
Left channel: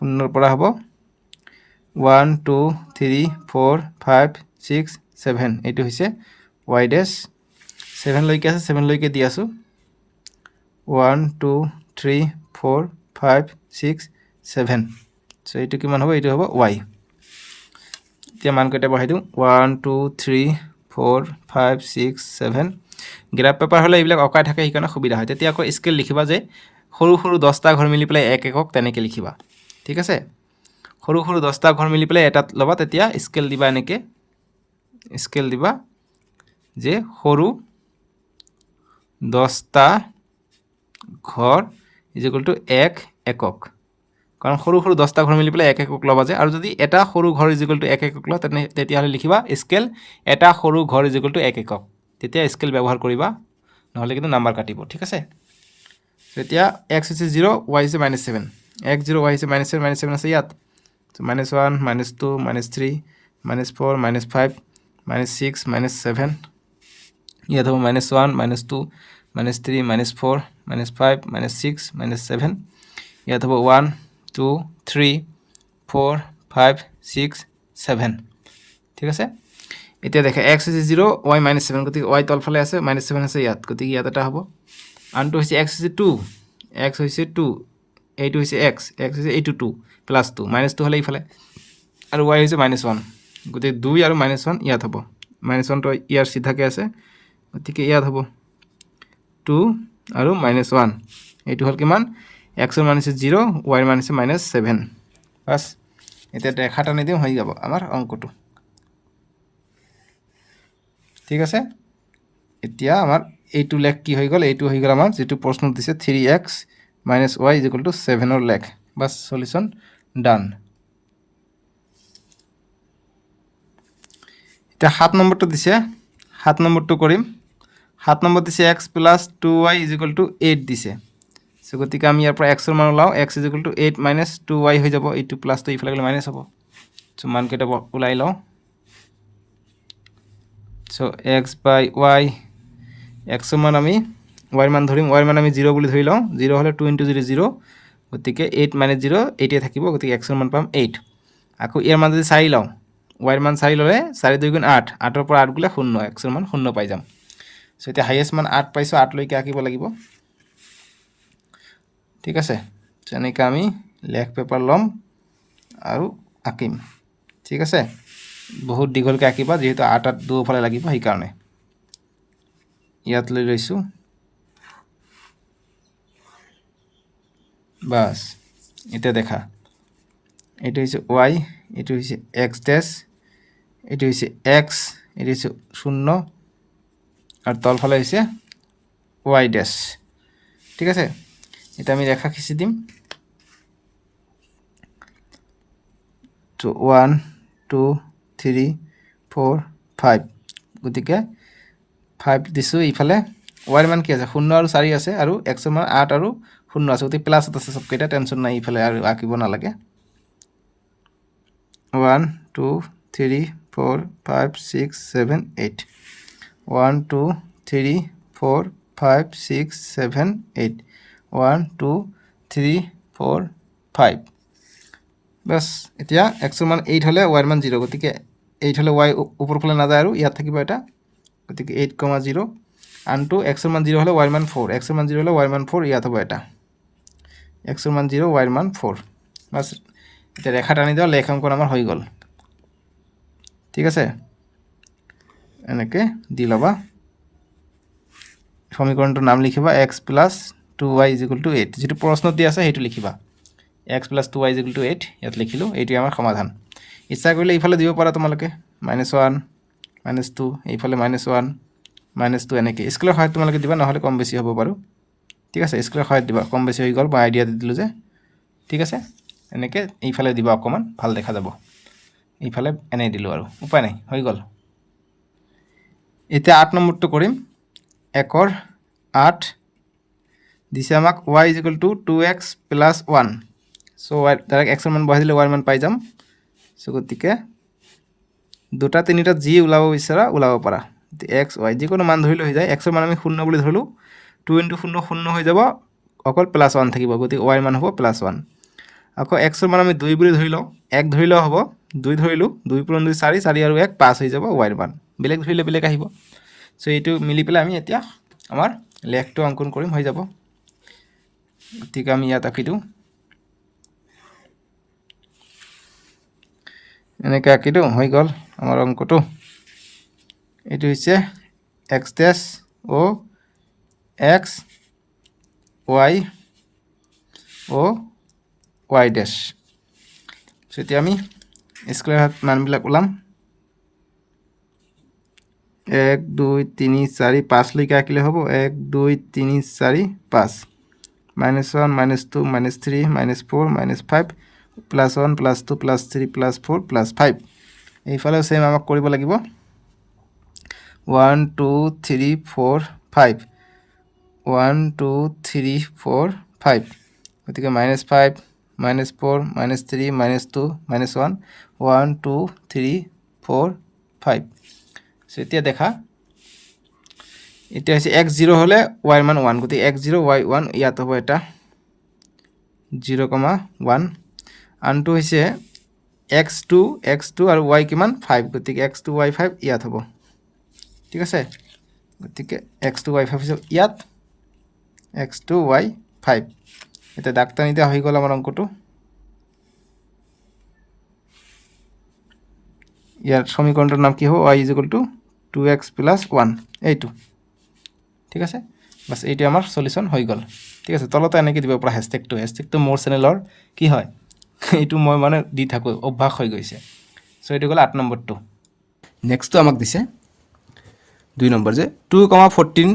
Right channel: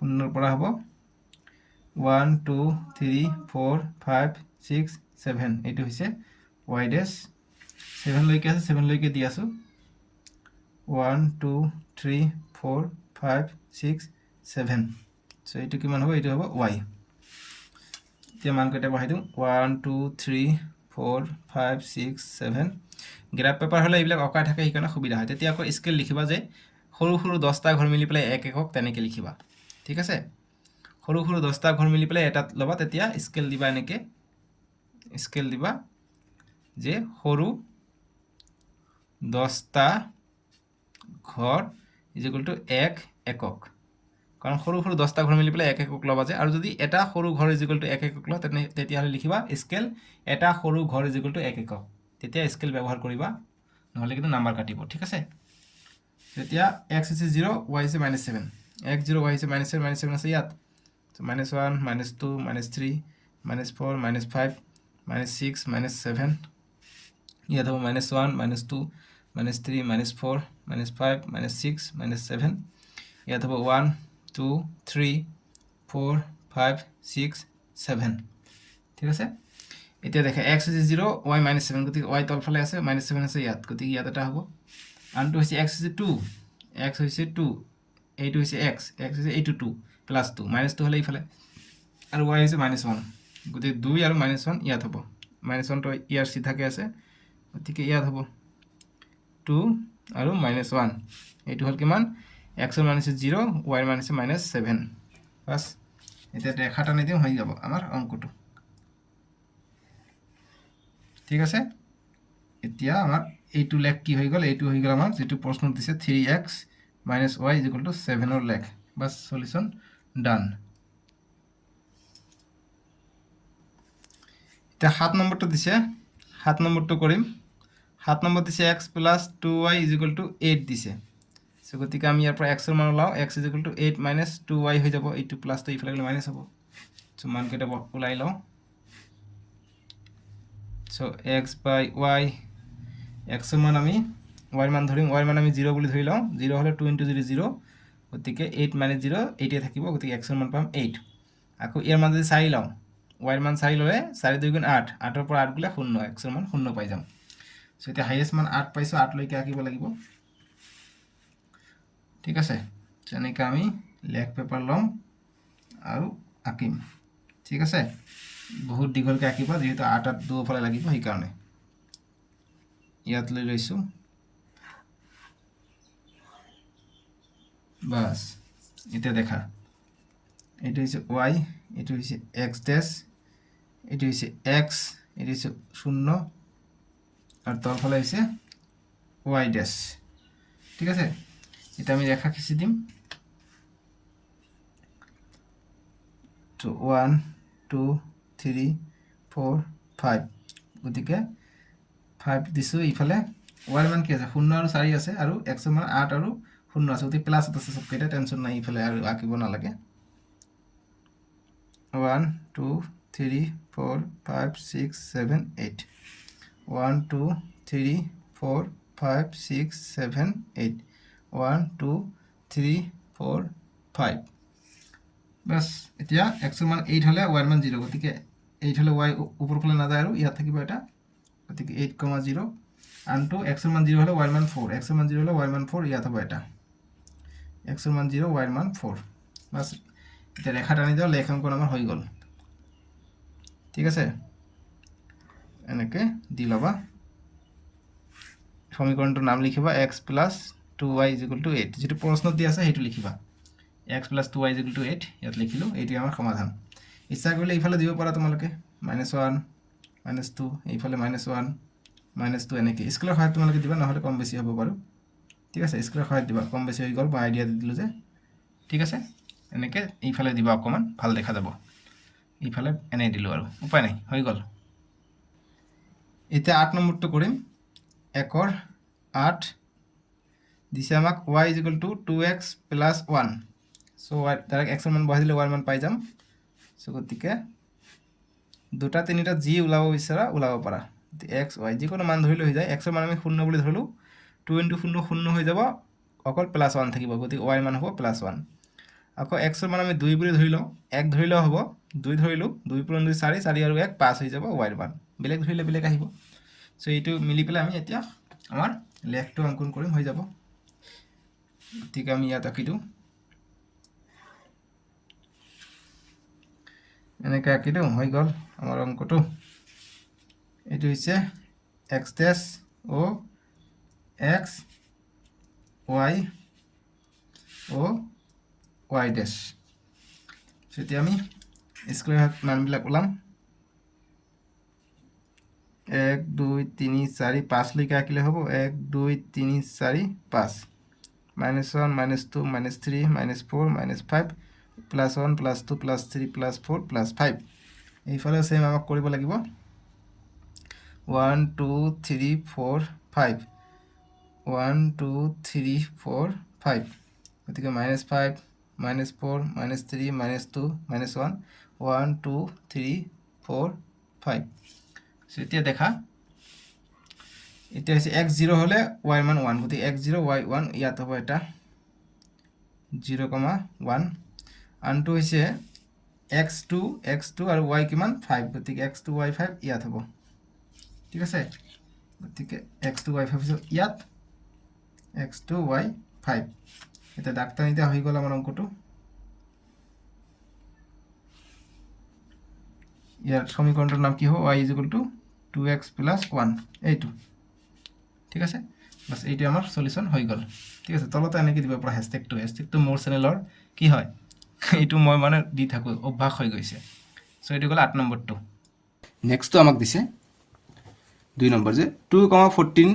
0 ৰ পৰা হ'ব 1 2 3 4 5 6 7 এইটো হৈছে y ড্যাশ 7 লৈকে আছে 7 লৈকে দি আছো 1 2 3 4 5 6 7 সো এইটো কিমান হ'ব এইটো হ'ব y এতিয়া মান কেইটা বহাই দিও 1 2 3 4 5 6 7 গ্ৰাফ পেপাৰ হলে এইবিলাক অকাই থাকে সেইকাৰণে সুবিধা হয় তেতিয়া আকৌ স্কেল লিখিবা যে সৰু সৰু 10টা ঘৰ মিলি পেলাই এক একক তেনেকে লিখিবা ঠিক আছে সৰু সৰু 10টা ঘৰ মিলি পেলাই এটাত লবা তেতিয়া স্কেল দিবা এনেকে স্কেল দিবা যে সৰু 10টা ঘৰ = 1 একক কাৰণ সৰু সৰু 10টা ঘৰ মিলি পেলাই এক একক লবা যে আৰু যদি এটা সৰু ঘৰ = 1 একক ল তেতিয়া হলে লিখিবা স্কেল এটা সৰু ঘৰ = 1 একক তেতিয়া স্কেল ব্যৱহাৰ কৰিবা নহলে কিন্তু নাম্বাৰ কাটিব ঠিক আছে তেতিয়া x হৈছে 0 y হৈছে -7 x 0 y হৈছে -7 আছে ইয়াত so -1 -2 -3 -4 -5 -6 -7 ইয়াত হ'ব -1 -2 -3 -4 -5 -6 -7 ইয়াত হ'ব 1 2 3 4 5 6 7 ঠিক আছে এতিয়া দেখা x হৈছে 0 y -7 গতিকে y তলফালে আছে -7 আছে ইয়াত গতিকে ইয়াত এটা হ'ব আনটো হৈছে x হৈছে 2 x হৈছে 2 এইটো হৈছে x হৈছে এইটো 2 +2 -2 হলে ইফালে আৰু y হৈছে -1 গতিকে 2 আৰু -1 ইয়াত হ'ব -1 তো ইয়াৰ সিধাকে আছে গতিকে ইয়াত হ'ব 2 আৰু -1 এইটো হল কিমান x ৰ মান হৈছে 0 y ৰ মান হৈছে -7 বাস এতিয়া ৰেখা টানি দিও হৈ যাব আমাৰ অংকটো ঠিক আছে এতিয়া আমাৰ এইটো লেখ কি হৈ গল এইটো হৈ গল আমাৰ যেটো প্ৰশ্ন দিছে 3x - y = 7 ৰ লেখ বাস সলিউশন ডান এটা 7 নম্বৰটো দিছে 7 নম্বৰটো কৰিম 7 নম্বৰ দিছে x + 2y = 8 দিছে সো গতিকে আমি ইয়াৰ পৰা x ৰ মান ওলাও x = 8 - 2y হৈ যাব এইটো প্লাস তো ইফালে গলে মাইনাস হ'ব সো মান কেটা ওলাই লও সো x / y x ৰ মান আমি y ৰ মান ধৰিম y ৰ মান আমি 0 বুলি ধৰি লও 0 হলে 2 * 0 0 গতিকে 8 - 0 8 এ থাকিব গতিকে x ৰ মান পাম 8 আকৌ ইয়াৰ মান যদি 4 লও y ৰ মান 4 ললে 4 × 2 = 8 8 ৰ পৰা 8 গলে 0 x ৰ মান 0 পাই যাম সো এটা হাইয়েস্ট মান 8 পাইছো 8 লৈকে আকিব লাগিব ঠিক আছে যেনেকৈ আমি লেখ পেপাৰ লম আৰু আকিম ঠিক আছে বহুত দীঘলকৈ আকিবা যেহেতু 8 8 দুফালে লাগিব সেই কাৰণে ইয়াত লৈ লৈছো বাস এটা দেখা এটা হইছে y এটা হইছে x ড্যাশ এটা হইছে x এটা হইছে 0 আর তলফালে হইছে y ড্যাশ ঠিক আছে এটা আমি রেখা খিচি দিম তো 1 2 3 4 5 গতিকে 5 দিছো ইফালে y মান কি আছে 0 আৰু 4 আছে আৰু x ৰ মান 8 আৰু 0 আছে গতিকে প্লাস আছে সব কেটা টেনশন নাই ইফালে আৰু আকিব না লাগে 1 2 3 4 5 6 7 8 1 2 3 4 5 6 7 8 1 2 3 4 5 বাস এতিয়া x ৰ মান 8 হলে y ৰ মান 0 গতিকে 8 হলে y উপৰ ফালে না যায় আৰু ইয়াত থাকিব এটা গতিকে 8, 0 আনটো x ৰ মান 0 হলে y ৰ মান 4 x ৰ মান 0 হলে y ৰ মান 4 ইয়াত হ'ব এটা x ৰ মান 0 y ৰ মান 4 বাস এটা ৰেখা টানি দাও লেখাঙ্কন আমাৰ হয়ে গেল ঠিক আছে এনেকে দি লবা সমীকৰণটোৰ নাম লিখিবা x + 2y = 8 যেটো প্ৰশ্নত দি আছে হেতু লিখিবা x + 2y = 8 ইয়াত লিখিলো এইটো আমাৰ সমাধান ইচ্ছা কৰিলে ইফালে দিব পাৰা তোমালোকে -1 -2 এইফালে -1 -2 এনেকে স্কেলৰ সহায়ত তোমালোকে দিবা নহলে কম বেছি হ'ব বাৰু ঠিক আছে স্কেলৰ সহায়ত দিবা কম বেছি হৈ গল বা আইডিয়া দি দিলো যে ঠিক আছে এনেকে এইফালে দিবা অকমান ভাল দেখা যাব এইফালে এনে দিলো আৰু উপায় নাই হৈ গল এতিয়া 8 নম্বৰটো কৰিম 1 ৰ 8 দিছে আমাক y = 2x + 1 so direct x ৰ মান বহাই দিলে y ৰ মান পাই যাম সো গতিকে দুটা তিনিটা যি ওলাব বিচাৰা ওলাব পাৰা x y যিকোনো মান ধৰিলে হৈ যায় x ৰ মান আমি 0 বুলি ধৰলো 2 * 0 0 হৈ যাব অকল +1 থাকিব গতিকে y ৰ মান হ'ব +1 আকৌ x ৰ মান আমি 2 বুলি ধৰি লও 1 ধৰিলেও হ'ব 2 ধৰিলো 2 * 2 4 4 আৰু 1 5 হৈ যাব y ৰ মান বেলেগ ধৰিলে বেলেগ আহিব সো এইটো মিলি পেলাই আমি এতিয়া আমাৰ লেখটো অঙ্কন কৰিম হৈ যাব ঠিক আমি ইয়াত আঁকি দিও এনেকে আঁকি দিও হৈ গল আমাৰ অঙ্কটো এইটো হৈছে x dash O x y ও y ড্যাশ সেটি আমি স্কয়ার মানবিলাক ওলাম 1 2 3 4 5 লৈকে আঁকিলে হ'ব 1 2 3 4 5 -1 -2 -3 -4 -5 +1 +2 +3 +4 +5 এইফালে সেম আমাক কৰিব লাগিব 1 2 3 4 5 1 2 3 4 5 গতিকে -5 -4 -3 -2 -1 1 2 3 4 5 সেতিয়া দেখা এটা হচ্ছে x0 হলে y মান 1 গতি x0 y1 ইয়াত হ'ব এটা 0,1 আনটো হৈছে x2 আৰু y কিমান 5 গতিকে x2 y5 ইয়াত হ'ব ঠিক আছে গতিকে x2 y5 হৈছে ইয়াত x2 y5 এটা ডাক্তানিতে হৈ গল আমাৰ অঙ্কটো ইয়াৰ সমীকৰণটোৰ নাম কি হ'ব y = 2x + 1 এইটো ঠিক আছে বাস এইটো আমাৰ সলিউশন হৈ গল ঠিক আছে তলতে এনেকৈ দিব পৰা হ্যাশট্যাগটো মোৰ চেনেলৰ কি হয় এইটো মই মানে দি থাকো অভ্যাস হৈ গৈছে সো এইটো গল 8 নম্বৰটো নেক্সটটো আমাক দিছে 2 নম্বৰ যে 2,14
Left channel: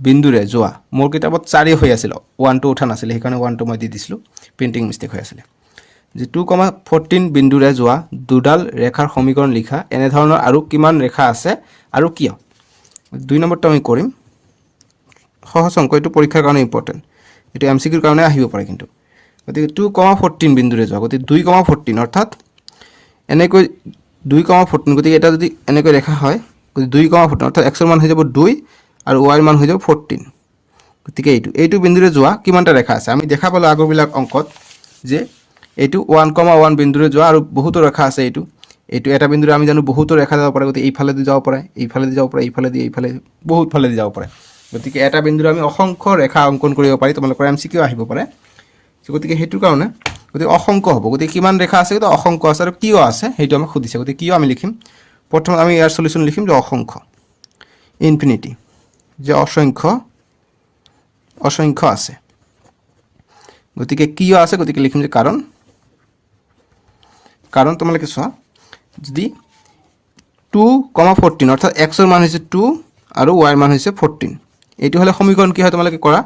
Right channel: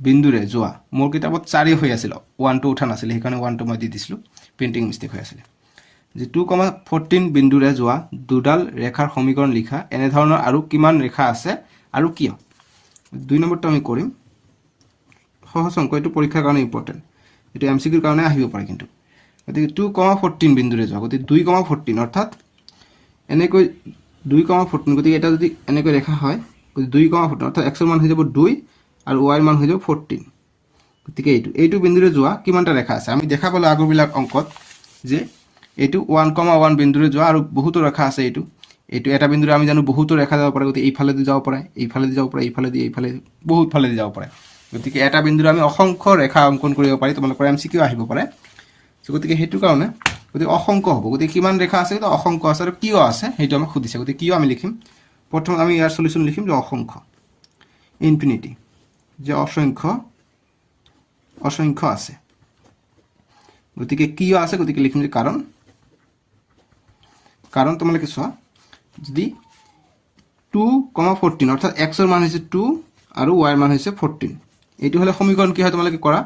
বিন্দুৰে যোৱা মোৰ কিতাপত 4 হৈ আছিল 1 2 উঠা নাছিল সেইকাৰণে 1 2 মই দি দিছিলো প্ৰিন্টিং মিস্টেক হৈ আছিল যে 2,14 বিন্দুৰে যোৱা দুডাল ৰেখাৰ সমীকৰণ লিখা এনে ধৰণৰ আৰু কিমান ৰেখা আছে আৰু কিয় 2 নম্বৰটো আমি কৰিম সহজ অংক, এইটো পৰীক্ষাৰ কাৰণে ইম্পৰ্টেণ্ট, এইটো MCQৰ কাৰণে আহিব পাৰে কিন্তু। গতিকে 2,14 বিন্দুৰে যোৱা, গতিকে 2,14 অৰ্থাৎ এনেকৈ 2,14, গতিকে এটা যদি এনেকৈ ৰেখা হয়, গতিকে 2,14 অৰ্থাৎ এক্সৰ মান হৈ যাব 2 আৰু ৱাইৰ মান হৈ যাব 14। গতিকে এইটো বিন্দুৰে যোৱা কিমানটা ৰেখা আছে, আমি দেখা পালোঁ আগৰবিলাক অংকত যে এইটো 1,1 বিন্দুৰে যোৱা আৰু বহুতো ৰেখা আছে। এইটো এটা বিন্দুৰে আমি জানো বহুতো ৰেখা যাব পাৰে, গতিকে এইফালেদি যাব পাৰে, এইফালেদি যাব পাৰে, এইফালে বহুত ফালেদি যাব পাৰে। গতিকে এটা বিন্দুৰে আমি অসংখ্য ৰেখা অংকন কৰিব পাৰি, তোমালোকৰ MCQ আহিব পাৰে। গতিকে সেইটো কাৰণে গতিকে অসংখ্য হ'ব। গতিকে কিমান ৰেখা আছে, কিন্তু অসংখ্য আছে আৰু কিয় আছে সেইটো আমাক সুধিছে। গতিকে কিয় আমি লিখিম, প্ৰথমে আমি ইয়াৰ সলিউশ্যন লিখিম যে অসংখ্য, ইনফিনিটি, যে অসংখ্য আছে। গতিকে কিয় আছে, গতিকে লিখিম যে কাৰণ তোমালোকে চোৱা, যদি 2,14 অৰ্থাৎ এক্সৰ মান হৈছে 2 আৰু ৱাইৰ মান হৈছে 14, এইটো হ'লে সমীকৰণ কি হয় তোমালোকে কৰা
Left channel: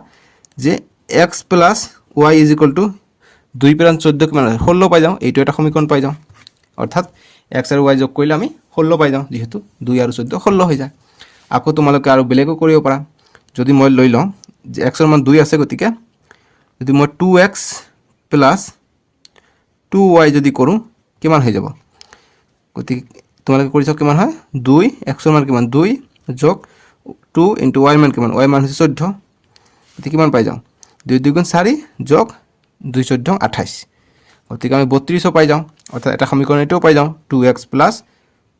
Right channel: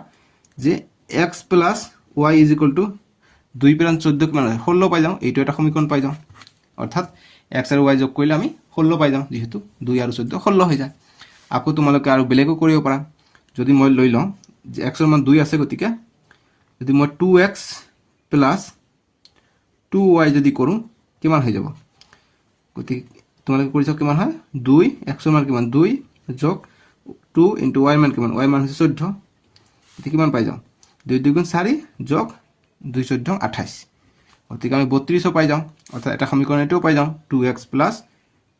যে x plus y is equal to 2 + 14 কিমান হয়, 16 পাই যাওঁ। এইটো এটা সমীকৰণ পাই যাওঁ, অৰ্থাৎ x আৰু y যোগ কৰিলে আমি 16 পাই যাওঁ, যিহেতু 2 আৰু 14 16 হৈ যায়। আকৌ তোমালোকে আৰু বেলেগো কৰিব পাৰা, যদি মই লৈ লওঁ যে এক্সৰ মান 2 আছে, গতিকে যদি মই 2x প্লাছ 2y যদি কৰোঁ কিমান হৈ যাব, গতিকে তোমালোকে কৰি চাওক কিমান হয়, 2 এক্সৰ মান কিমান 2 যোগ 2 ইনটু ৱাইৰ মান কিমান, ৱাইৰ মান হৈছে 14, গতিকে কিমান পাই যাওঁ 2 × 2 = 4 যোগ 2 × 14 = 28, গতিকে আমি 32 পাই যাওঁ। অৰ্থাৎ এটা সমীকৰণ এটাও পাই যাওঁ, 2x plus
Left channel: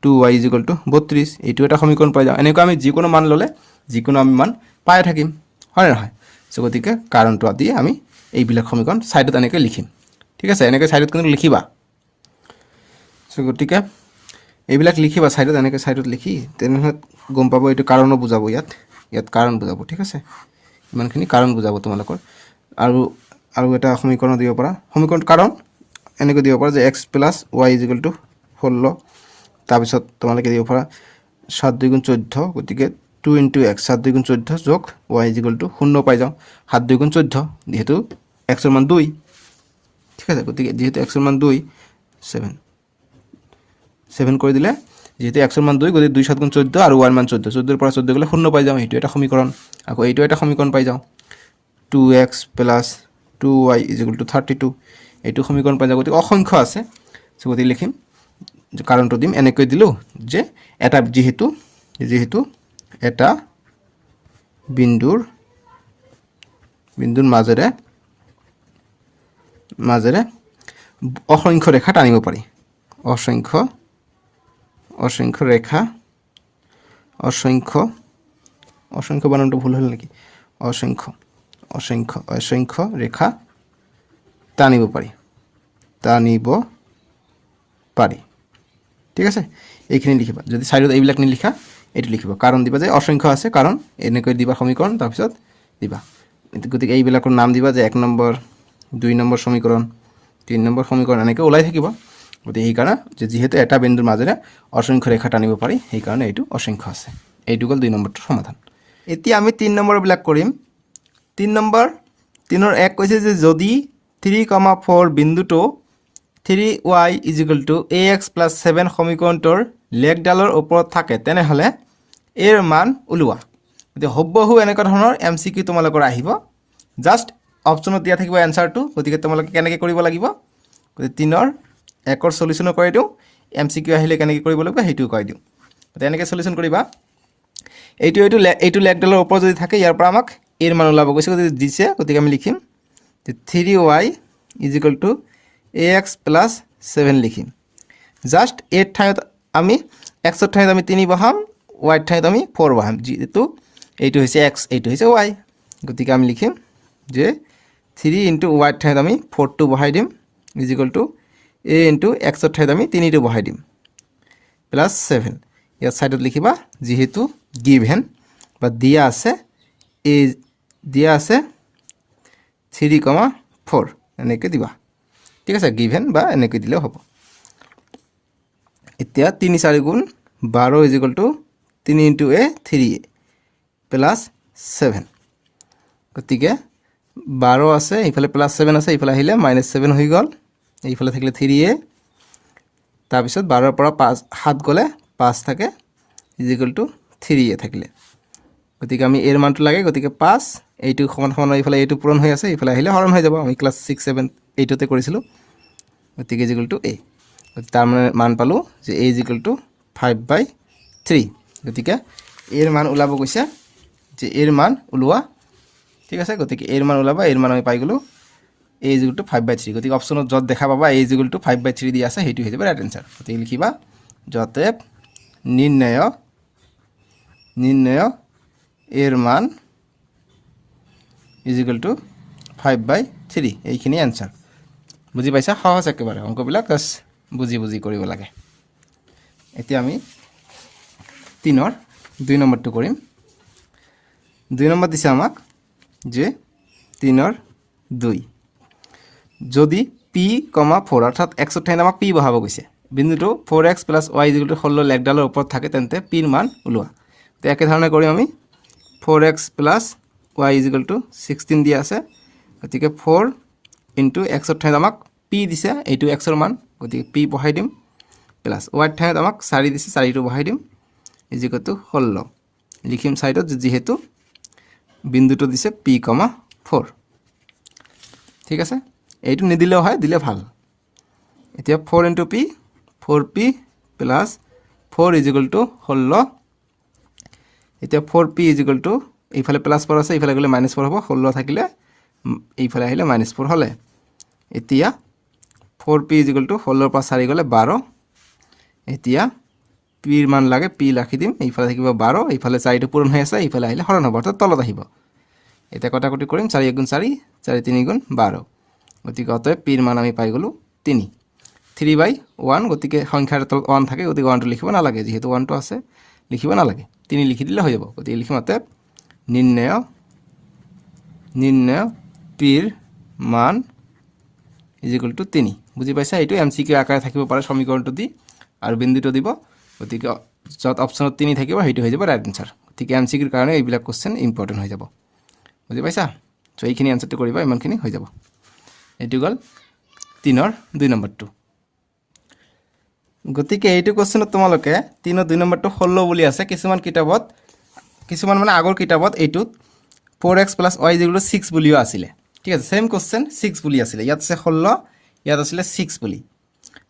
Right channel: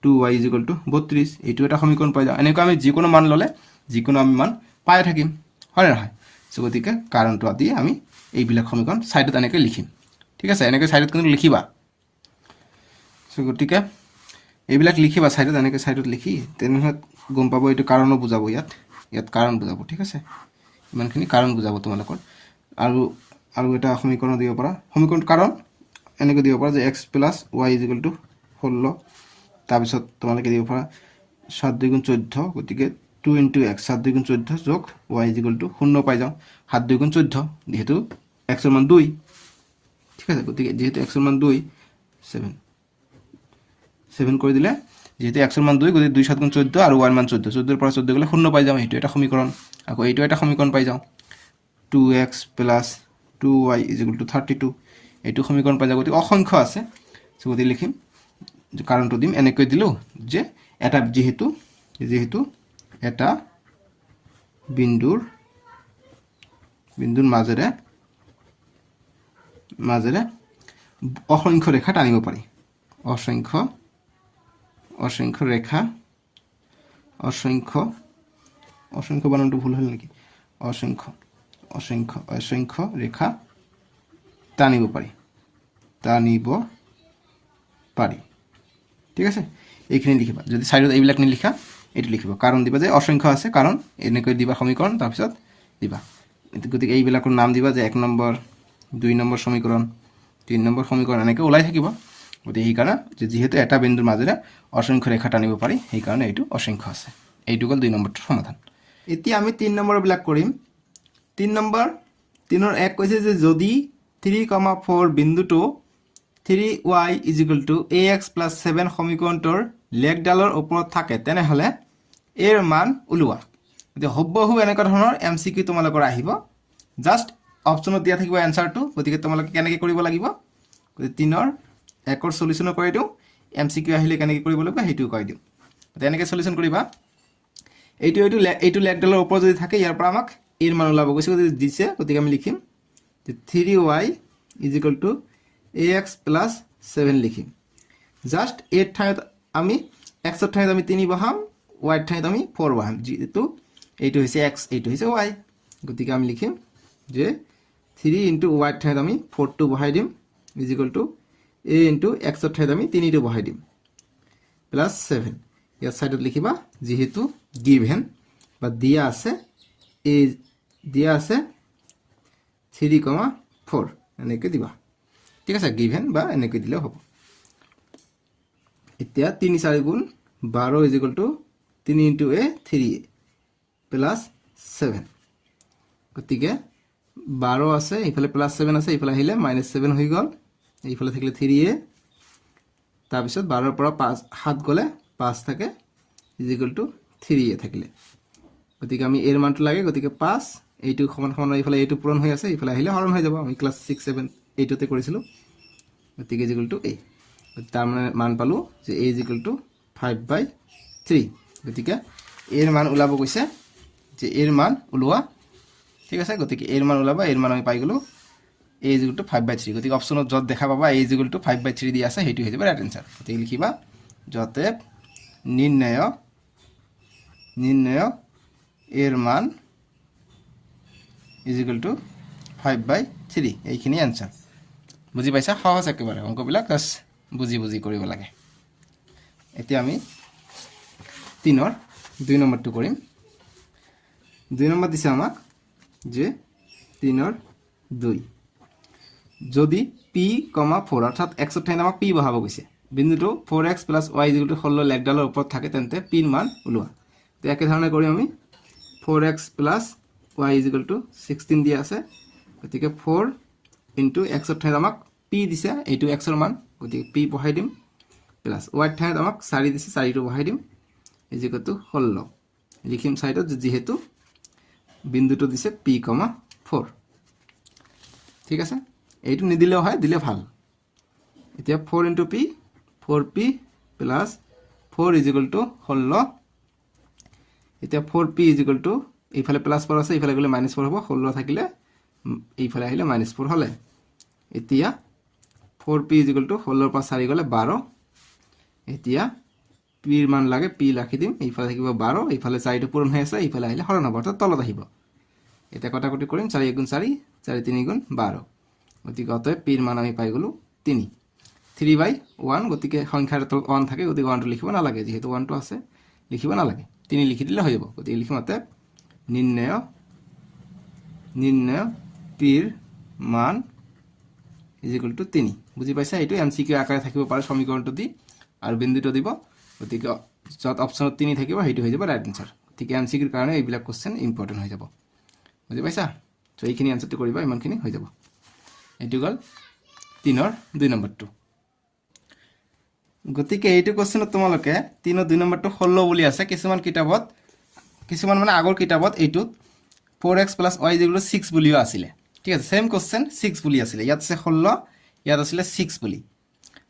2y is equal two 32, এইটো এটা সমীকৰণ পাই যাওঁ। এনেকৈ আমি যিকোনো মান ল'লে যিকোনো আমি মান পাই থাকিম, হয় নে নহয়। গতিকে কাৰণটো আদি আমি এইবিলাক সমীকৰণ ছাইডত এনেকৈ লিখিম, ঠিক আছে। এনেকৈ ছাইডত কিন্তু লিখিবা। গতিকে এইবিলাক লিখিবা ছাইডত, এনেকৈ ছাইডত লিখি তেনেহ'লে গম পাব এইটো কাৰণো বুজাব, ইয়াত কাৰণ বুজাব, ঠিক আছে। ইমানখিনি কাৰণ বুজাব তোমালোকৰ। আৰু এটা সমীকৰণ দিব পাৰা, সমীকৰণ কাৰণ এনেকৈ দিব পাৰা যে x plus y is equal two 16, তাৰপিছত তোমালোকে দিব পাৰা 7 × 2 = 14, গতিকে 2 × x 7 × 2 = 14 যোগ ৱাই ইজ ইকুৱেল টু 0 পাই যাওঁ, 7 × 2 = 14, যিহেতু এক্সৰ মান 2, ঠিক আছে। গতিকে যিহেতু এক্সৰ মান 2, 7 কৰি দিলে, যিহেতু এক্সৰ মান 2, গতিকে 2 × 7 = 14 আৰু ৱাইৰ মান 14, 14 পৰা 14 গ'লে 0 পাই যাওঁ, এইটো এটা সমীকৰণ। আকৌ এইটো এটা সমীকৰণ পাই যাওঁ, 2x plus 2y is equal two 32, এইটো সমীকৰণ পাই যাওঁ। গতিকে অসংখ্য আছে, গতিকে লিখিম কাৰণটো দিম, এনেকৈ দিলোঁ যে এটা যিহেতু এটা বিন্দুৰ মাজেৰে অসংখ্য ৰেখা টানিব পাৰি, অসংখ্য ৰেখা, অসংখ্য বানানটো ভুল হ'ল নেকি, অসংখ্য ৰেখা টানিব পাৰি, ঠিক আছে। এইখিনি লিখিবা। যদি ছাইডত এইবিলাক নিলিখা, এইটো লিখিবা, কাৰণ দিবা যে অসংখ্য আছে, কাৰণ এনেকৈ দিবা সমীকৰণ, তাৰপিছত দিবা। গতিকে এইবিলাকৰ নাম দিবা যে 1 নম্বৰ, 2 নম্বৰ সমীকৰণ, 3 নম্বৰ সমীকৰণ, এনেকৈ ওলাই থাকিব। গতিকে সেইকাৰণে যিহেতু এটা বিন্দুৰ মাজেৰে অসংখ্য ৰেখা টানিব পাৰি, সেইকাৰণে এইটো অসংখ্য আছে। এইটো গ'ল 2 নম্বৰটোৰ সমাধান। এতিয়া আমি 3 নম্বৰবিলাক কৰিম। 3 নম্বৰ, 3ৰ 1 কৈছে যে যদি 3,4 বিন্দুটো 3y is equal two ax plus 7 সমীকৰণটোৰ লেখডালৰ ওপৰত থাকে, তেনেহ'লে এৰ মান ওলোৱা। গতিকে হুবহু এনেকুৱা ধৰণৰ MCQ তোমালোকৰ আহিব, জাষ্ট অপশ্যনত দিয়া থাকিব এনচাৰটো। গতিকে তোমালোকে কেনেকৈ কৰিব লাগিব, গতিকে 3ৰ 1ৰ সলিউশ্যনো কৰি দিওঁ, MCQ আহিলে কেনেকৈ কৰিব লাগিব সেইটোও কৈ দিওঁ। গতিকে এনেকৈ সলিউশ্যন কৰিবা। এইটো লেখডালৰ ওপৰত যদি থাকে, ইয়াৰ পৰা আমাক এৰ মান ওলাব গৈছে, গতিকে দিছে, গতিকে আমি লিখিম যে 3y is equal two ax plus 7 লিখিম। জাষ্ট এৰ ঠাইত আমি এক্সৰ ঠাইত আমি 3 বহাম, ৱাইৰ ঠাইত আমি 4 বহাম, যিহেতু এইটো হৈছে এক্স, এইটো হৈছে ৱাই। গতিকে আমি লিখিম যে 3 × ৱাইৰ ঠাইত আমি 4টো বহাই দিম, ইজ ইকুৱেল টু a × এক্সৰ ঠাইত আমি 3টো বহাই দিম, প্লাছ 7। ইয়াত ছাইডত লিখিবা, যিহেতু গিভেন বা দিয়া আছে 3,4 এনেকৈ দিবা, ঠিক আছে। গিভেন বা এনেকৈ দিলেও হ'ব। এতিয়া 3 × 4 = 12 is equal two 3 × a 3a plus 7, গতিকে 12 আছে, এইফালে প্লাছ 7 আছে, এইফালে আহিলে -7 হৈ গ'ল, এইফালে থাকিলে 3a, তাৰপিছত 12ৰ পৰা 7 গ'লে 5 থাকে, ইজ ইকুৱেল টু 3a থাকিলে, গতিকে আমি এৰ মানটো লাগে গতিকে 5 এইটো সমান সমান এইফালে এইটো পূৰণ হৈ আছে এইফালে আহিলে হৰণ হৈ যাব আমি ক্লাছ 6 7 8তে কৰিছিলোঁ গতিকে ইজ ইকুৱেল টু a তাৰ মানে মান পালোঁ যে a ইজ ইকুৱেল টু 5/3 গতিকে এৰ মান ওলাব কৈছে যে এৰ মান ওলোৱা ঠিক আছে গতিকে এৰ মান ওলাবা এৰ মান আমি পাই গ'লোঁ a ইজ ইকুৱেল টু 5/3 গতিকে অপশ্যনত য'ত দেখা পাবা a ইজ ইকুৱেল টু 5/3 দি আছে সেইটো হৈ যাব ৰাইট এনসাৰ গতিকে লিখিবা যতে নিৰ্ণয় এৰ মান ইজ ইকুৱেল টু 5/3 এইখিনি এনসাৰ বুজি পাইছা সহজ একেবাৰে অংকবিলাক জাস্ট বুজি কৰিব লাগে এতিয়া আমি 3ৰ 2 নম্বৰটো কৰিম 2 নম্বৰ দিছে আমাক যে 3ৰ 2 যদি p, 4 অৰ্থাৎ x ৰ ঠাইত আমাক p বহাব গৈছে বিন্দুটো 4x + y = 16 লেখডালৰ ওপৰত থাকে তেন্তে p ৰ মান ওলোৱা তো একে ধৰণে কৰি আমি 4x + y = 16 দিয়া আছে গতিকে 4 * x ৰ ঠাইত আমাক p দিছে এইটো x ৰ মান গতিকে p বহাই দিম প্লাস y ৰ ঠাইত আমাক 4 দিছে 4টো বহাই দিম = 16 লিখিম সাইডত যেহেতু বিন্দুটো দিছে p, 4 ঠিক আছে এইটো নিদিলেও হয় দিলে ভাল এতিয়া 4 * p 4p + 4 = 16 এতিয়া 4p = এইফালে প্লাস 4 আছে এইফালে গলে -4 হ'ব 16 থাকিলে এইফালে আহিলে -4 হলে এতিয়া 4p = 16 ৰ পৰা 4 গলে 12 এতিয়া p ৰ মান লাগে p ৰাখি দিম এইফালে থাকিব 12 এইফালে 4টো পূৰণ হৈ আছে এইফালে আহিলে হৰণ হ'ব অৰ্থাৎ তলত আহিব এতিয়া কটাকটি কৰিম 4 * 4 4 * 3 = 12 গতিকে অতএব p ৰ মান আমি পাই গলো 3 3/1 গতিকে সংখ্যাৰ তলত 1 থাকে গতিকে 1টো লিখিব নালাগে যেহেতু 1টো আছে লিখিব নালাগে 3 লিখি দিলে হৈ যাব গতিকে লিখিম অতএব নিৰ্ণয় p ৰ মান = 3 বুজি পাইছা এইটো এমসিকিউ আকাৰে থাকিব পাৰে সমীকৰণটো দি আৰু বিন্দুটো দিব গতিকে যত অপচনত 3 থাকিব সেইটো হৈ যাব ৰাইট আনসাৰ গতিকে এমসিকিউৰ কাৰণে এইবিলাক কোশ্চেন ইম্পৰ্টেন্ট হৈ যাব বুজি পাইছা সো এইখিনি আনসাৰটো কৰিবা ইমানখিনি হৈ যাব এটো গল 3ৰ 2 নম্বৰটো গতিকে এইটো কোশ্চেনত তোমালোকে 3ৰ 2 নম্বৰটো 16 বুলি আছে কিছুমান মানে আগৰ কিতাপত এইটো 4x + y = 6 বুলিও আছিল ঠিক আছে সেম কোশ্চেন 6 বুলি আছিল ইয়াত আছে 16 ইয়াত আছিল 6 বুলি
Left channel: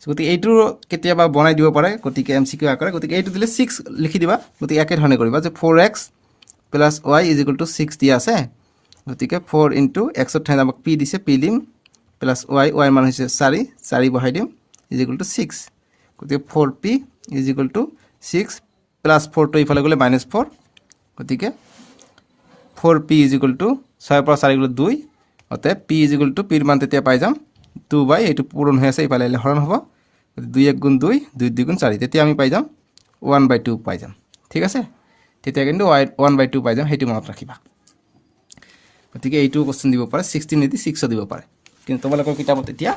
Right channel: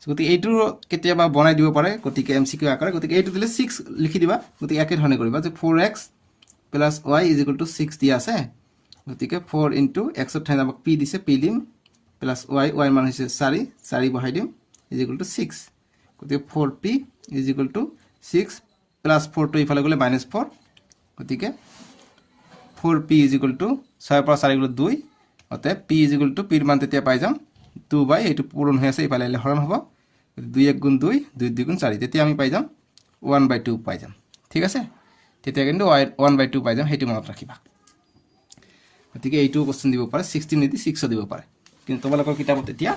গতিকে এইটো কেতিয়াবা বনাই দিব পাৰে গতিকে এমসিকিউ আকাৰে গতিকে এইটো দিলে 6 লিখি দিবা গতিকে একে ধৰণে কৰিবা যে 4x + y = 6 দিয়া আছে গতিকে 4 * x ৰ ঠাইত আমাক p দিছে p দিম প্লাস y ৰ মান হৈছে 4 4 বহাই দিম = 6 গতিকে 4p = 6 প্লাস 4 টো ইফালে গলে -4 গতিকে 4p = 6 পৰা 4 গলে 2 অতএব p = p ৰ মান তেতিয়া পাই যাম 2 / এইটো পূৰণ হৈ আছে ইফালে হৰণ হ'ব 2 * 1 = 2 2 * 2 = 4 তেতিয়া আমি পাই যাম 1/2 পাই যাম ঠিক আছে তেতিয়া কিন্তু 1/2 পাই যাম সেইটো মনত ৰাখিবা গতিকে এইটো কোশ্চেন দিব পাৰে 16 নিদি 6 দিব পাৰে কিন্তু তোমালোকৰ কিতাপত এতিয়া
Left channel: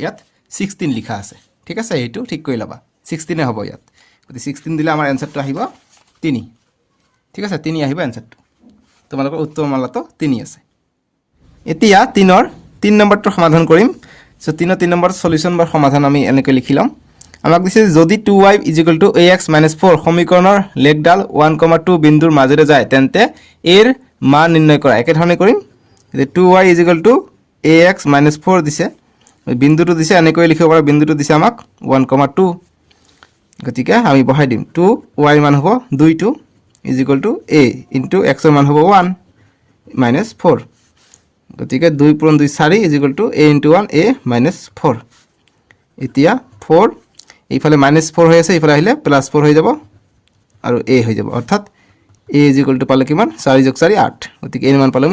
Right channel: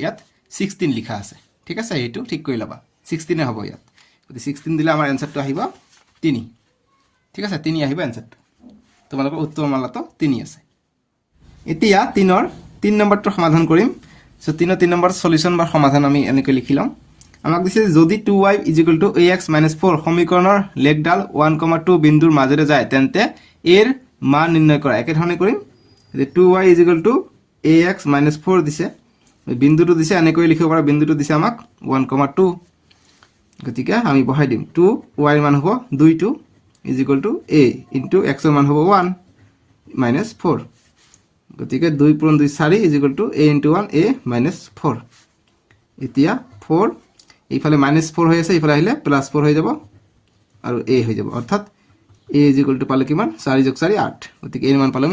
ইয়াত 16 লিখা আছে ঠিক আছে এইটো ঠিক কৰি লবা 16 হ'ব ইয়াত গতি 16 দিলে আমাৰ এনসাৰটো আহিব 3 ঠিক আছে 3 আহিব এনসাৰটো তোমালোকৰ উত্তৰ মালাটো 3 আছে এতিয়া 3ৰ 3 নম্বৰটো সমাধান কৰিম সো 3ৰ 3 নম্বৰ সলিউশন বা সমাধান আমি এনেকৈ লিখিলাম আমাক দিছে যদি 2y = ax - 4 সমীকৰণৰ লেখডাল 1, 2 বিন্দুৰ মাজেৰে যায় তেন্তে এৰ মান নিৰ্ণয় কৰা একে ধৰণে কৰিম যে 2y = ax - 4 দিছে বিন্দুটো দিছে এনেকৈ লিখিব পাৰা বিন্দুটো দিছে আমাক 1, 2 গতিকে আমি বহাই দিম 2y মান হ'ব 2 = a x ৰ মান হ'ব 1 - 4 গতিকে 2 * 2 4 = a * 1 a - 4 এতিয়া 4 এইফালে -4 হৈ আছে ইফালে আহিলে +4 হৈ যাব আৰু a হৈ যাব অৰ্থাৎ a = পালে কিমান 4 + 4 8 গতিকে এৰ মান পালে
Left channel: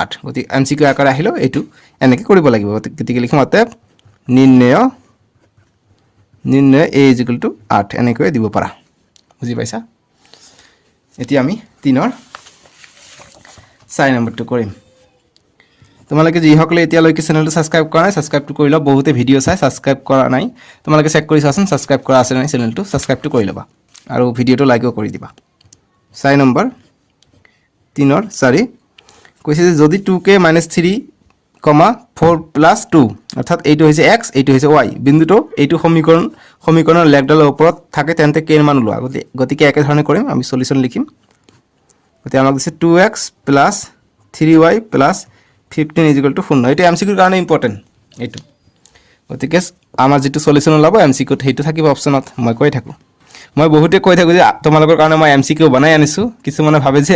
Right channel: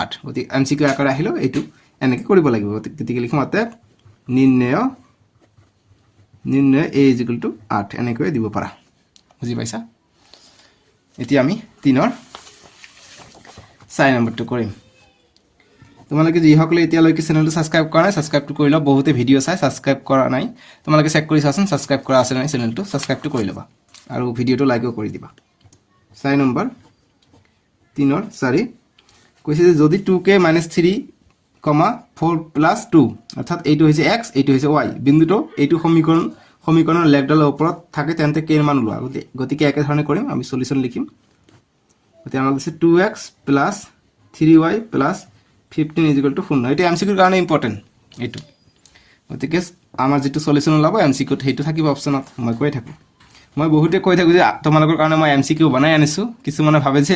8 গতিকে এমসিকিউ আকাৰে আহিলো এইটো এনেকৈ কৰিব লাগিব গতিকে লিখিম অতএব নিৰ্ণয় a = 8 এনেকৈ দিব পাৰা বুজি পাইছা এতিয়া আমি 3ৰ 4 নম্বৰটো কৰিম তোমালোকে যিসকলে এতিয়ালৈকে চেনেলটো সাবস্ক্ৰাইব কৰা নাই সাবস্ক্ৰাইবটো কৰি লবা বহুতে ভিডিও চাই সাবস্ক্ৰাইব কৰা নাই তোমালোকে চেক কৰি চাচোন সাবস্ক্ৰাইব কৰা আছে নাই চেনেলটো সাবস্ক্ৰাইবটো কৰি লবা আৰু ভিডিওটো লাইকও কৰি দিবা 4 নম্বৰ 3ৰ 4 কৈছে যে যদি 2k - 3, 4 + 2 অৰ্থাৎ এইটো হৈছে x এইটো হৈছে y বিন্দুটো এইটো সমীকৰণৰ লেখডালৰ ওপৰত থাকে তেন্তে k ৰ মান ওলোৱা গতিকে একে ধৰণে কৰিম আমি সলিউশন লিখিম গতিকে আমাক দিছে 2x plus 3y plus 15 is equal two 0 এইটো MCQৰ কাৰণে ইম্পৰ্টেণ্ট এইটো গতিকে আমাৰ যিটো সলিউশ্যন ওলাব MCQত সেইটো থাকিব অপশ্যনত মই কৈ থাকোঁ মই বহুতে কৈ থাকোঁ যে তোমালোকৰ কাৰণে মই MCQ বনাই আনিছোঁ কিছুমানে ভাবে যে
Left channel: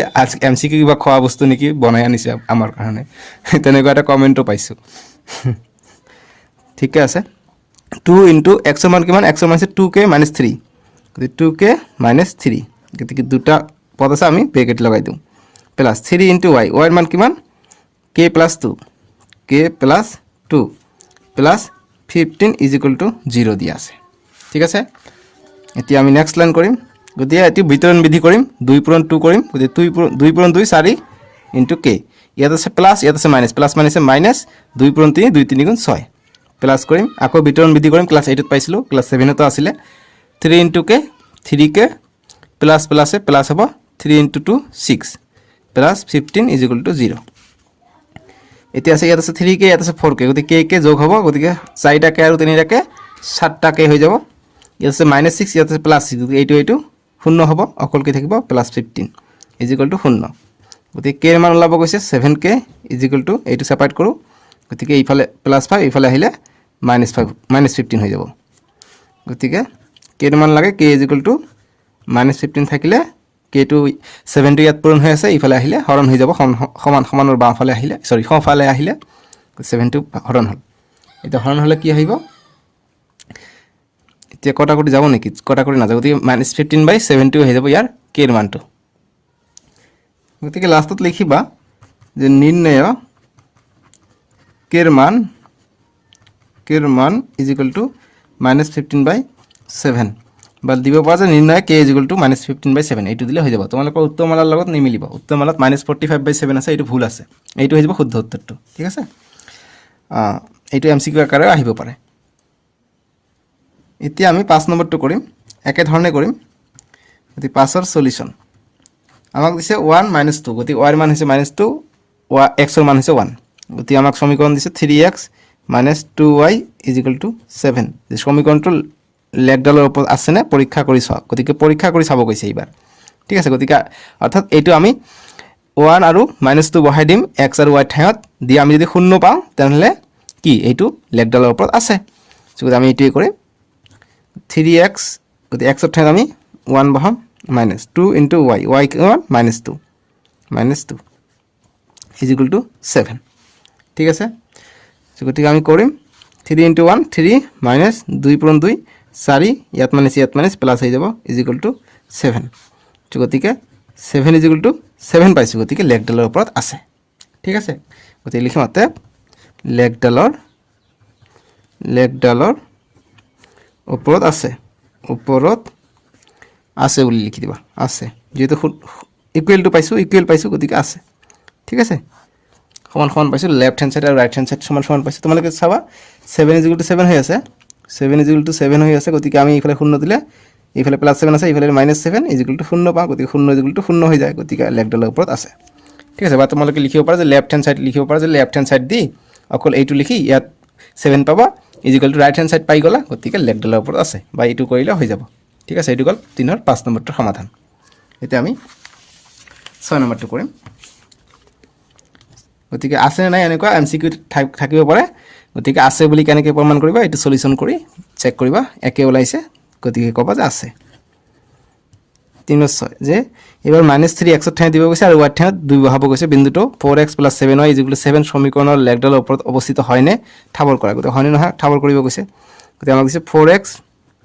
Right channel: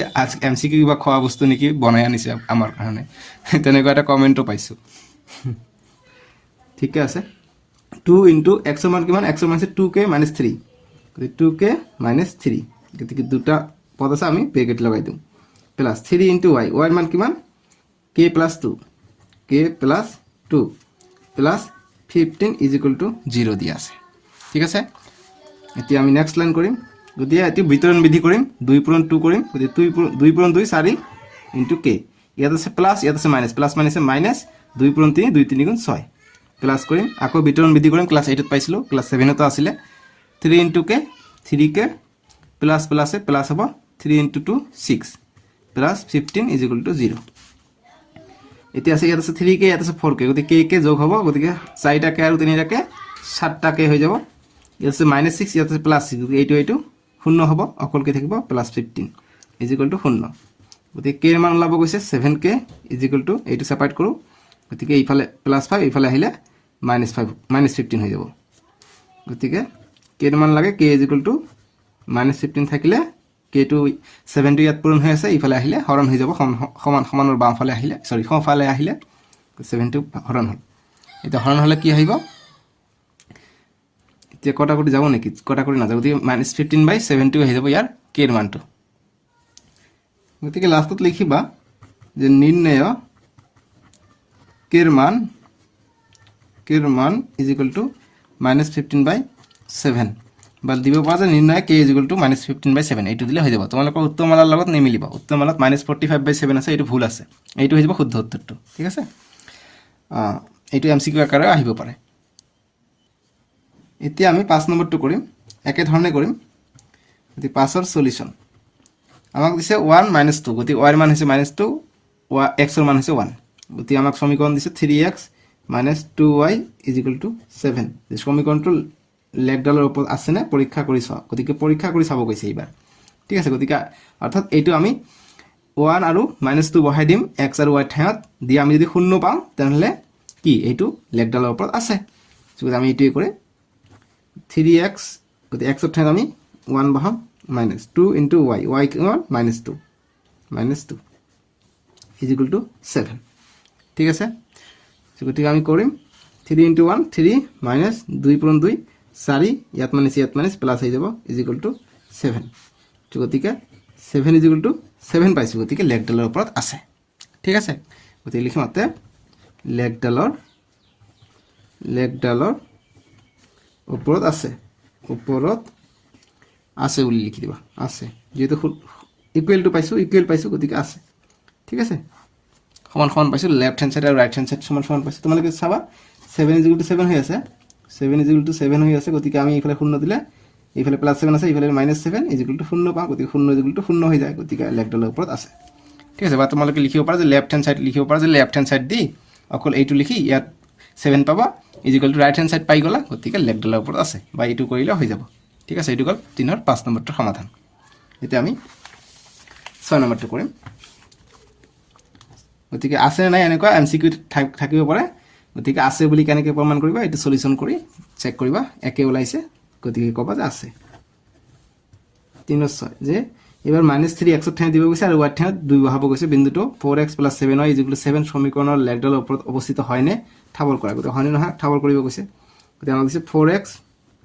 MCQ কিবা খোৱা বস্তু নেকি বনাই আনিছে আমাৰ কাৰণে তেনেকুৱা এটা কমেণ্টো পাইছোঁ ঠিকে আছে 2 ইনটু x ৰ মান কিমান x ৰ মান আছে 2k - 3 গতিকে 2k - 3 গতিকে দুটা পদ আছে আমি ব্ৰেকেট লগাই দিওঁ প্লাছ 3 ইনটু y y ৰ মান কিমান k + 2 k + 2 plus 15 is equal two 0 দিয়া আছে ঠিক আছে এতিয়া আমি নেক্সট লাইন কৰিম গতিকে এটি বিতৰণ বিধি কৰিম 2 পূৰণ 2 কৰিম গতিকে 2 পূৰণ 2 4 ইনটু k ইয়াত আছে প্লাছ ইয়াত আছে মাইনাছ প্লাছ মাইনাছে মাইনাছ 2 পূৰণ 3 2 3 গুণ 6 প্লাছ কৰিম আকৌ বিতৰণ বিধি কৰিম ক্লাছ 8ত পাইছিলোঁ ক্লাছ 7ত আছিলে 3 ইনটু k 3k প্লাছ প্লাছে প্লাছ হ'ব 3 ইনটু 2 6 প্লাছ 15 ইজিকুৱেল টু 0 এতিয়া আছে ইয়াত আছে 3k ইয়াত আছে 4k গতিকে k যোগ হ'ব গতিকে 4টাকে আৰু 3টাকে 7টাকে হৈ যাব ইয়াত আছে -6 ইয়াত আছে +6 গতিকে এইটো শূন্য হ'ব অকল কি থাকিব +15 ইজিকুৱেল টু 0 গতিকে k ৰ মান ওলাব গৈছে 7k ইজিকুৱেল টু এইটো সেপাৰেট কৰোঁ গতিকে এইফালে +5 এইফালে আহিলে -5 -15 হৈ যাব গতিকে k ৰ মান লাগে k ইজিকুৱেল টু -15 থাকিলে k টো 7 টো ইয়াত পূৰণ হৈ আছে ইফালে আহিলে হৰণ হৈ যাব সমান সমানৰ বামফালে আহিলে সৰি সোঁফালে আহিলে 7 টো হৰণ হ'ল এটা হৰণ হ'লে কি আহিব এতিয়া কটাকটি যাব নেকি কটাকটি নাযাব গতিকে -15/7 হৈ যাব ইয়াৰ k ৰ মানটো গতিকে লাষ্টত লিখিবা যে নিৰ্ণয় k ৰ মান ইজিকুৱেল টু -15/7 বা দিব পৰা যে নিৰ্ণয় k ইজিকুৱেল টু -15/7 এইটো দিলে হৈ যাব তোমালোকৰ উত্তৰমালাৰ লগত নিমিলিব উত্তৰমালাত -45/7 আছে এইটো ভুল আছে এইটো হৈ যাব শুদ্ধ উত্তৰটো ঠিক আছে এইটো MCQ আকাৰে আহিব পাৰে এতিয়া আমি 5 নম্বৰটো কৰিম একে ধৰণে কৰিম গতি 5ৰ সলিউশন আমাক দিছে 1 - 2 গতি y ৰ মান হৈছে -2 x ৰ মান হৈছে 1 গতি আমাক সমীকৰণ দিছে 3x - 2y = 7 এই সমীকৰণটো লেগডালৰ ওপৰত আছে নে পৰীক্ষা কৰি চাওক গতিকে পৰীক্ষা কৰি চাব কৈছে এইবাৰ ঠিক আছে গতিকে অৰ্থাৎ এইটো আমি 1 আৰু -2 বহাই দিম x আৰু y ঠাইত দি আমি যদি শূন্য পাওঁ তেনহলে কি এইটো লেগডালৰ ওপৰত আছে গতিকে আমি এইটোই কৰিম 3x গতি x ৰ ঠাইত আমি 1 বহাম -2 ইনটু y y কিমান -2 = 7 ঠিক আছে গতিকে আমি কৰিম 3 ইনটু 1 3 -2 পূৰণ 2 4 ইয়াত মাইনাছ প্লাছ হৈ যাব = 7 গতিকে 7 = 7 পাইছোঁ গতিকে লেগডালৰ ওপৰত আছে ঠিক আছে গতিকে লিখিম অতএব লেগডালৰ ওপৰত আছে বুলি লিখি দিবা আছে যেহেতু ইকুৱেল পাইছোঁ গতিকে আছে ঠিক আছে সমান সমান পাইছোঁ লেফট হেণ্ড সাইড আৰু ৰাইট হেণ্ড সাইড সমান সমান পাইছোঁ তোমালোকে চাবা 7 = 7 হৈ আছে 7 = 7 হৈ আছে গতিকে আমি ইফালে শূন্য দিলে ইফালে +7 আছে ইফালে -7 = 0 পাওঁ গতিকে 0 = 0 হৈ যায় গতিকে লেগডালৰ ওপৰত আছে ঠিক আছে বা তোমালোকে লিখিব পাৰা যে লেফট হেণ্ড সাইড লিখিব পাৰা যে লেফট হেণ্ড সাইড দি অকল এইটো লিখি ইয়াত 7 পাবা = ৰাইট হেণ্ড সাইড পাই গলা গতিকে লেগডালৰ ওপৰত আছে বা এইটো কৰিলে হৈ যাব ঠিক আছে এইটো গল 3 ৰ 5 নম্বৰটোৰ সমাধান এতিয়া আমি 6 নম্বৰটো কৰিম গতিকে আছে নাই এনেকুৱা MCQ থাকিব পাৰে গতিকে আছে বুলি কেনেকৈ প্ৰমাণ কৰিবা এইটো সলিউশন কৰি চেক কৰিবা একে ওলাইছে গতিকে ক'বা যে আছে 3/6 যে এবাৰ -3x ৰ ঠাইত দিব গৈছে আৰু y ঠাইত 2 বহাব গৈছে বিন্দুটো 4x + 7y = 7 সমীকৰণৰ লেগডালৰ ওপৰত অৱস্থিত হয়নে ঠাৱৰ কৰা গতিকে হয়নে নহয় ঠাৱৰ কৰিব গৈছে গতিকে আমাক দিছে 4x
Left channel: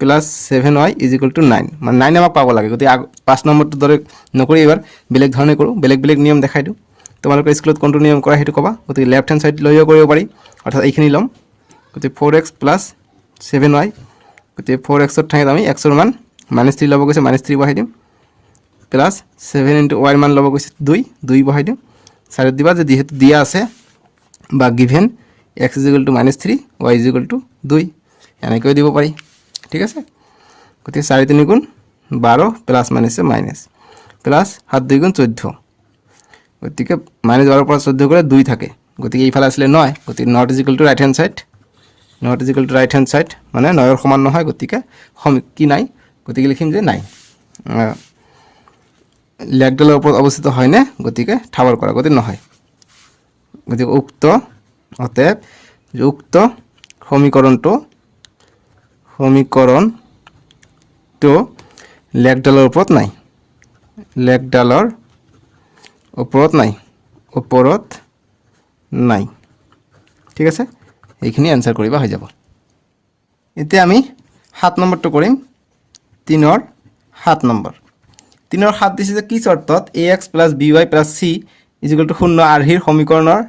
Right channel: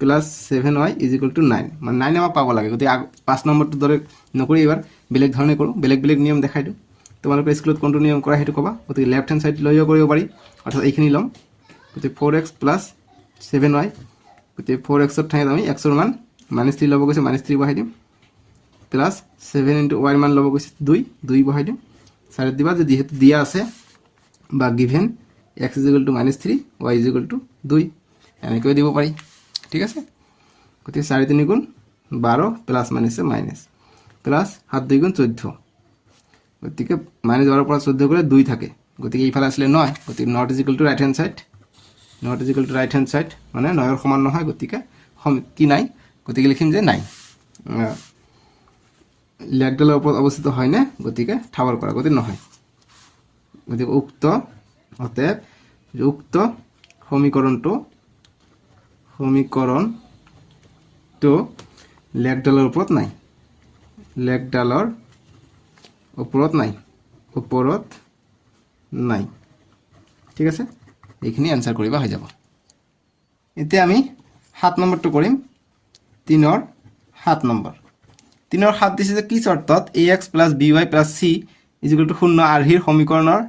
+ 7y = 9 মানে 9 আমাক পাব লাগে গতিকে 5 নম্বৰটো দৰে নকৰি এবাৰ বেলেগ ধৰণে কৰোঁ বেলেগ নিয়ম দেখাই দিওঁ তোমালোকে স্কুলত কোনটো নিয়ম কৰা সেইটো ক'বা গতিকে লেফট হেণ্ড সাইড লৈও কৰিব পাৰি অৰ্থাৎ এইখিনি ল'ম গতিকে 4x + 7y গতিকে 4x ৰ ঠাইত আমি x ৰ মান -3 ল'ব গৈছে -3 বহাই দিম প্লাছ 7 ইনটু y ৰ মান ল'ব গৈছে 2 বহাই দিম সাইডত দিবা যে যেহেতু দিয়া আছে বা গিভেন x = -3 y = 2 এনেকৈ দিব পাৰি ঠিক আছে গতিকে 4 3 গুণ 12 প্লাছ মাইনাছে মাইনাছ প্লাছ 7 2 গুণ 14 গতিকে -12 পৰা 14 গ'লে 2 থাকে গতিকে এইফালে আসলে 9 গতিকে not = ৰাইট হেণ্ড সাইড মানে 9 ৰ সমান নহয় গতিকে কি নাই গতিকে লিখিম যে নাই লেগডালৰ ওপৰত অৱস্থিত হয়নে গতিকে ঠাৱৰ কৰা গতি নহয় গতিকে অতএব উক্ত সমীকৰণটো লেগডালৰ ওপৰত নাই ঠিক আছে এইখিনি এনসাৰ কৰিবা হৈ যাব এতিয়া আমি 7 নম্বৰটো কৰিম 3 ৰ 7 নম্বৰ 3 ৰ 7 দিছে যে কি শৰ্তত ax + by + c = 0 আৰ্হিৰ সমীকৰণৰ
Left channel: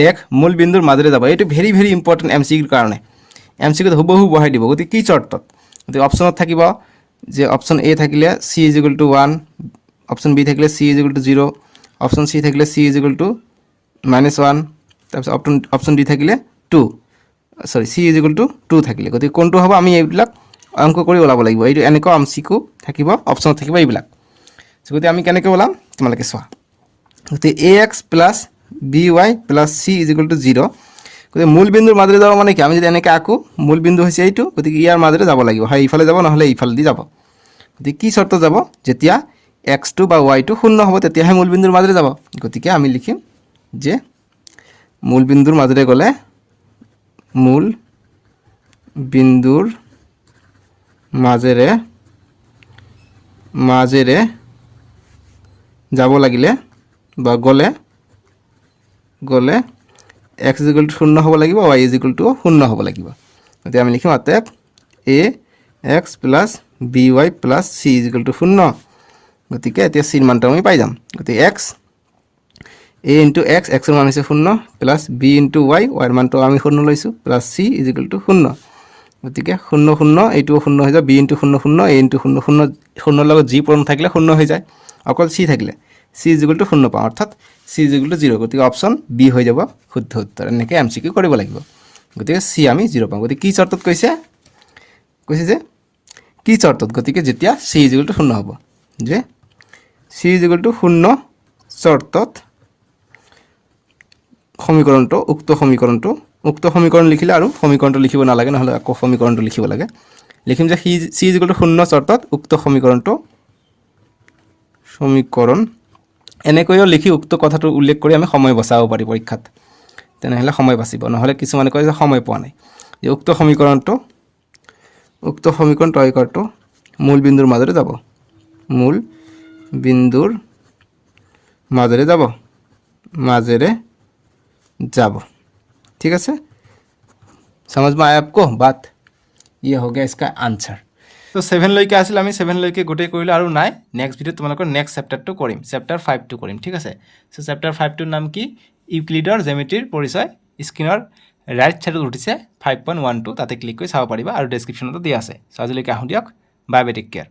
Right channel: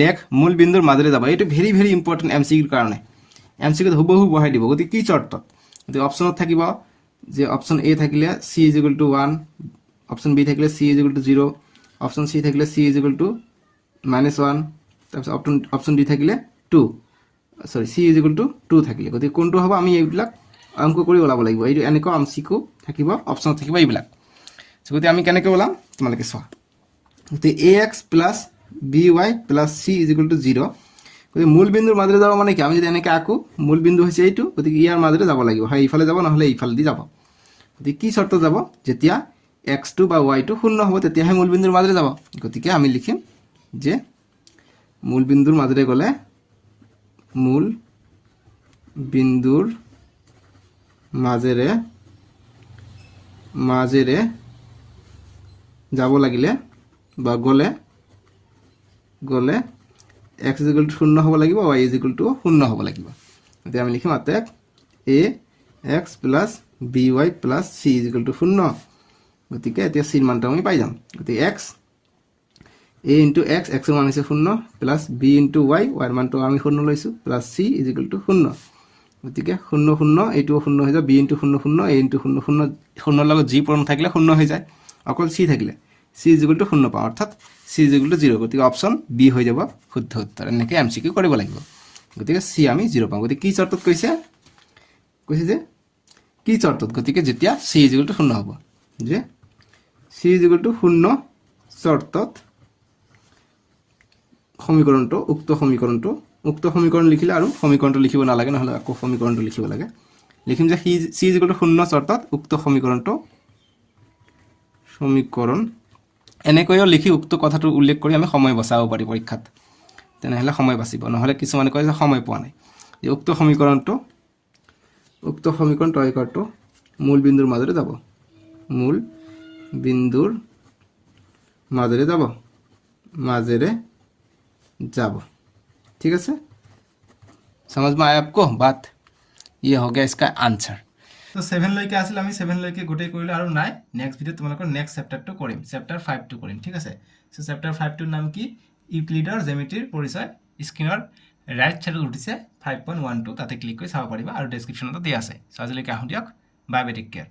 লেখ মূল বিন্দুৰ মাজেৰে যাব এইটো ভেৰি ভেৰি ইম্পৰ্টেন্ট এমসিকিউৰ কাৰণে এমসিকিউত হুবহু বহাই দিব গতি কি শৰ্তত গতি অপচনত থাকিব যে অপচন এ থাকিলে c = 1 অপচন বি থাকিলে c = 0 অপচন সি থাকিলে c = -1 তাৰপিছত অপচন ডি থাকিলে 2 সৰি c = 2 থাকিলে গতি কোনটো হ'ব আমি এইবিলাক অংক কৰি ওলাব লাগিব এইটো এনেকৈ এমসিকিউ থাকিব অপচনত থাকিব এইবিলাক গতি আমি কেনেকৈ ওলাম তোমালোকে চোৱা গতি ax + by + c = 0 গতি মূল বিন্দুৰ মাজেৰে যাব মানে কি আমি যদি এনেকৈ আকো মূল বিন্দু হৈছে এইটো গতি ইয়াৰ মাজেৰে যাব লাগিব হয় ইফালে যাব নহলে ইফালে দি যাব গতি কি শর্ত যাব যেতিয়া x2 বা y2 শূন্য হ'ব তেতিয়াহে মূল বিন্দুৰ মাজেৰে যাব গতিকে আমি লিখিম যে মূল বিন্দুৰ মাজেৰে গলে মূল বিন্দুৰ মাজেৰে যাব লাগিলে বা গলে x = 0 হ'ব লাগিব y = 0 হ'ব লাগিব গতি আমি লিখিম অতএব ax + by + c = 0 গতিকে এতিয়া c ৰ মানটো আমি পাই যাম গতি x a * x x ৰ মান হৈছে 0 + b * y y ৰ মানটো আমি 0 লৈছো + c = 0 গতিকে 0 0 এইটো 0 হৈ যায় b * 0 0 a * 0 0 0 লগত g পূৰণ থাকিলে 0 হৈ যায় অকল c থাকিলে c = 0 পাওঁ অৰ্থাৎ c = 0 গতিকে অপচন বি হৈ যাব শুদ্ধ উত্তৰ এনেকৈ এমসিকিউ কৰিব লাগিব গতিকে c আমি 0 পাওঁ গতিকে কি শৰ্তত কৈছে যে কি শর্তত গতিকে যেতিয়া c = 0 হ'ব যে c = 0 শর্তত সমীকৰণটো উক্ত সমীকৰণ লিখিলে আৰু সমীকৰণটো লিখিব নালাগে নহলে আকৌ সমীকৰণটো লিখিব লাগে লিখিম যে c = 0 শৰ্তত উক্ত সমীকৰণ এনেকৈও লিখি উক্ত কথাটো উল্লেখ কৰি আমি সময় বচাব পাৰি পৰীক্ষাত তেনেহলে সময় বাচিব নহলে কিছুমানে কয় যে সময় পোৱা নাই যে উক্ত সমীকৰণ তৈয়াৰ কৰাটো মূল বিন্দুৰ মাজেৰে যাব ঠিক আছে समझ में आया आपको बात ये हो गया इसका आंसर তো 7 লৈকে আছিল আমি 7 লৈকে গোটেই কৰিলো আৰু নাই নেক্সট ভিডিঅ তোমালোকৰ নেক্সট চেপ্টাৰটো কৰিম চেপ্টাৰ 5 টো কৰিম ঠিক আছে সো চেপ্টাৰ 5 টোৰ নাম কি ইউক্লিডৰ জ্যামিতিৰ পৰিচয় স্ক্ৰিনৰ ৰাইট সাইডত উঠিছে 5.12 তাতে ক্লিক কৰি চাব পাৰিবা আৰু ডেসক্ৰিপচনতো দিয়া আছে সো আজিলৈকে আহো দিয়ক বাই বাই টেক কেয়াৰ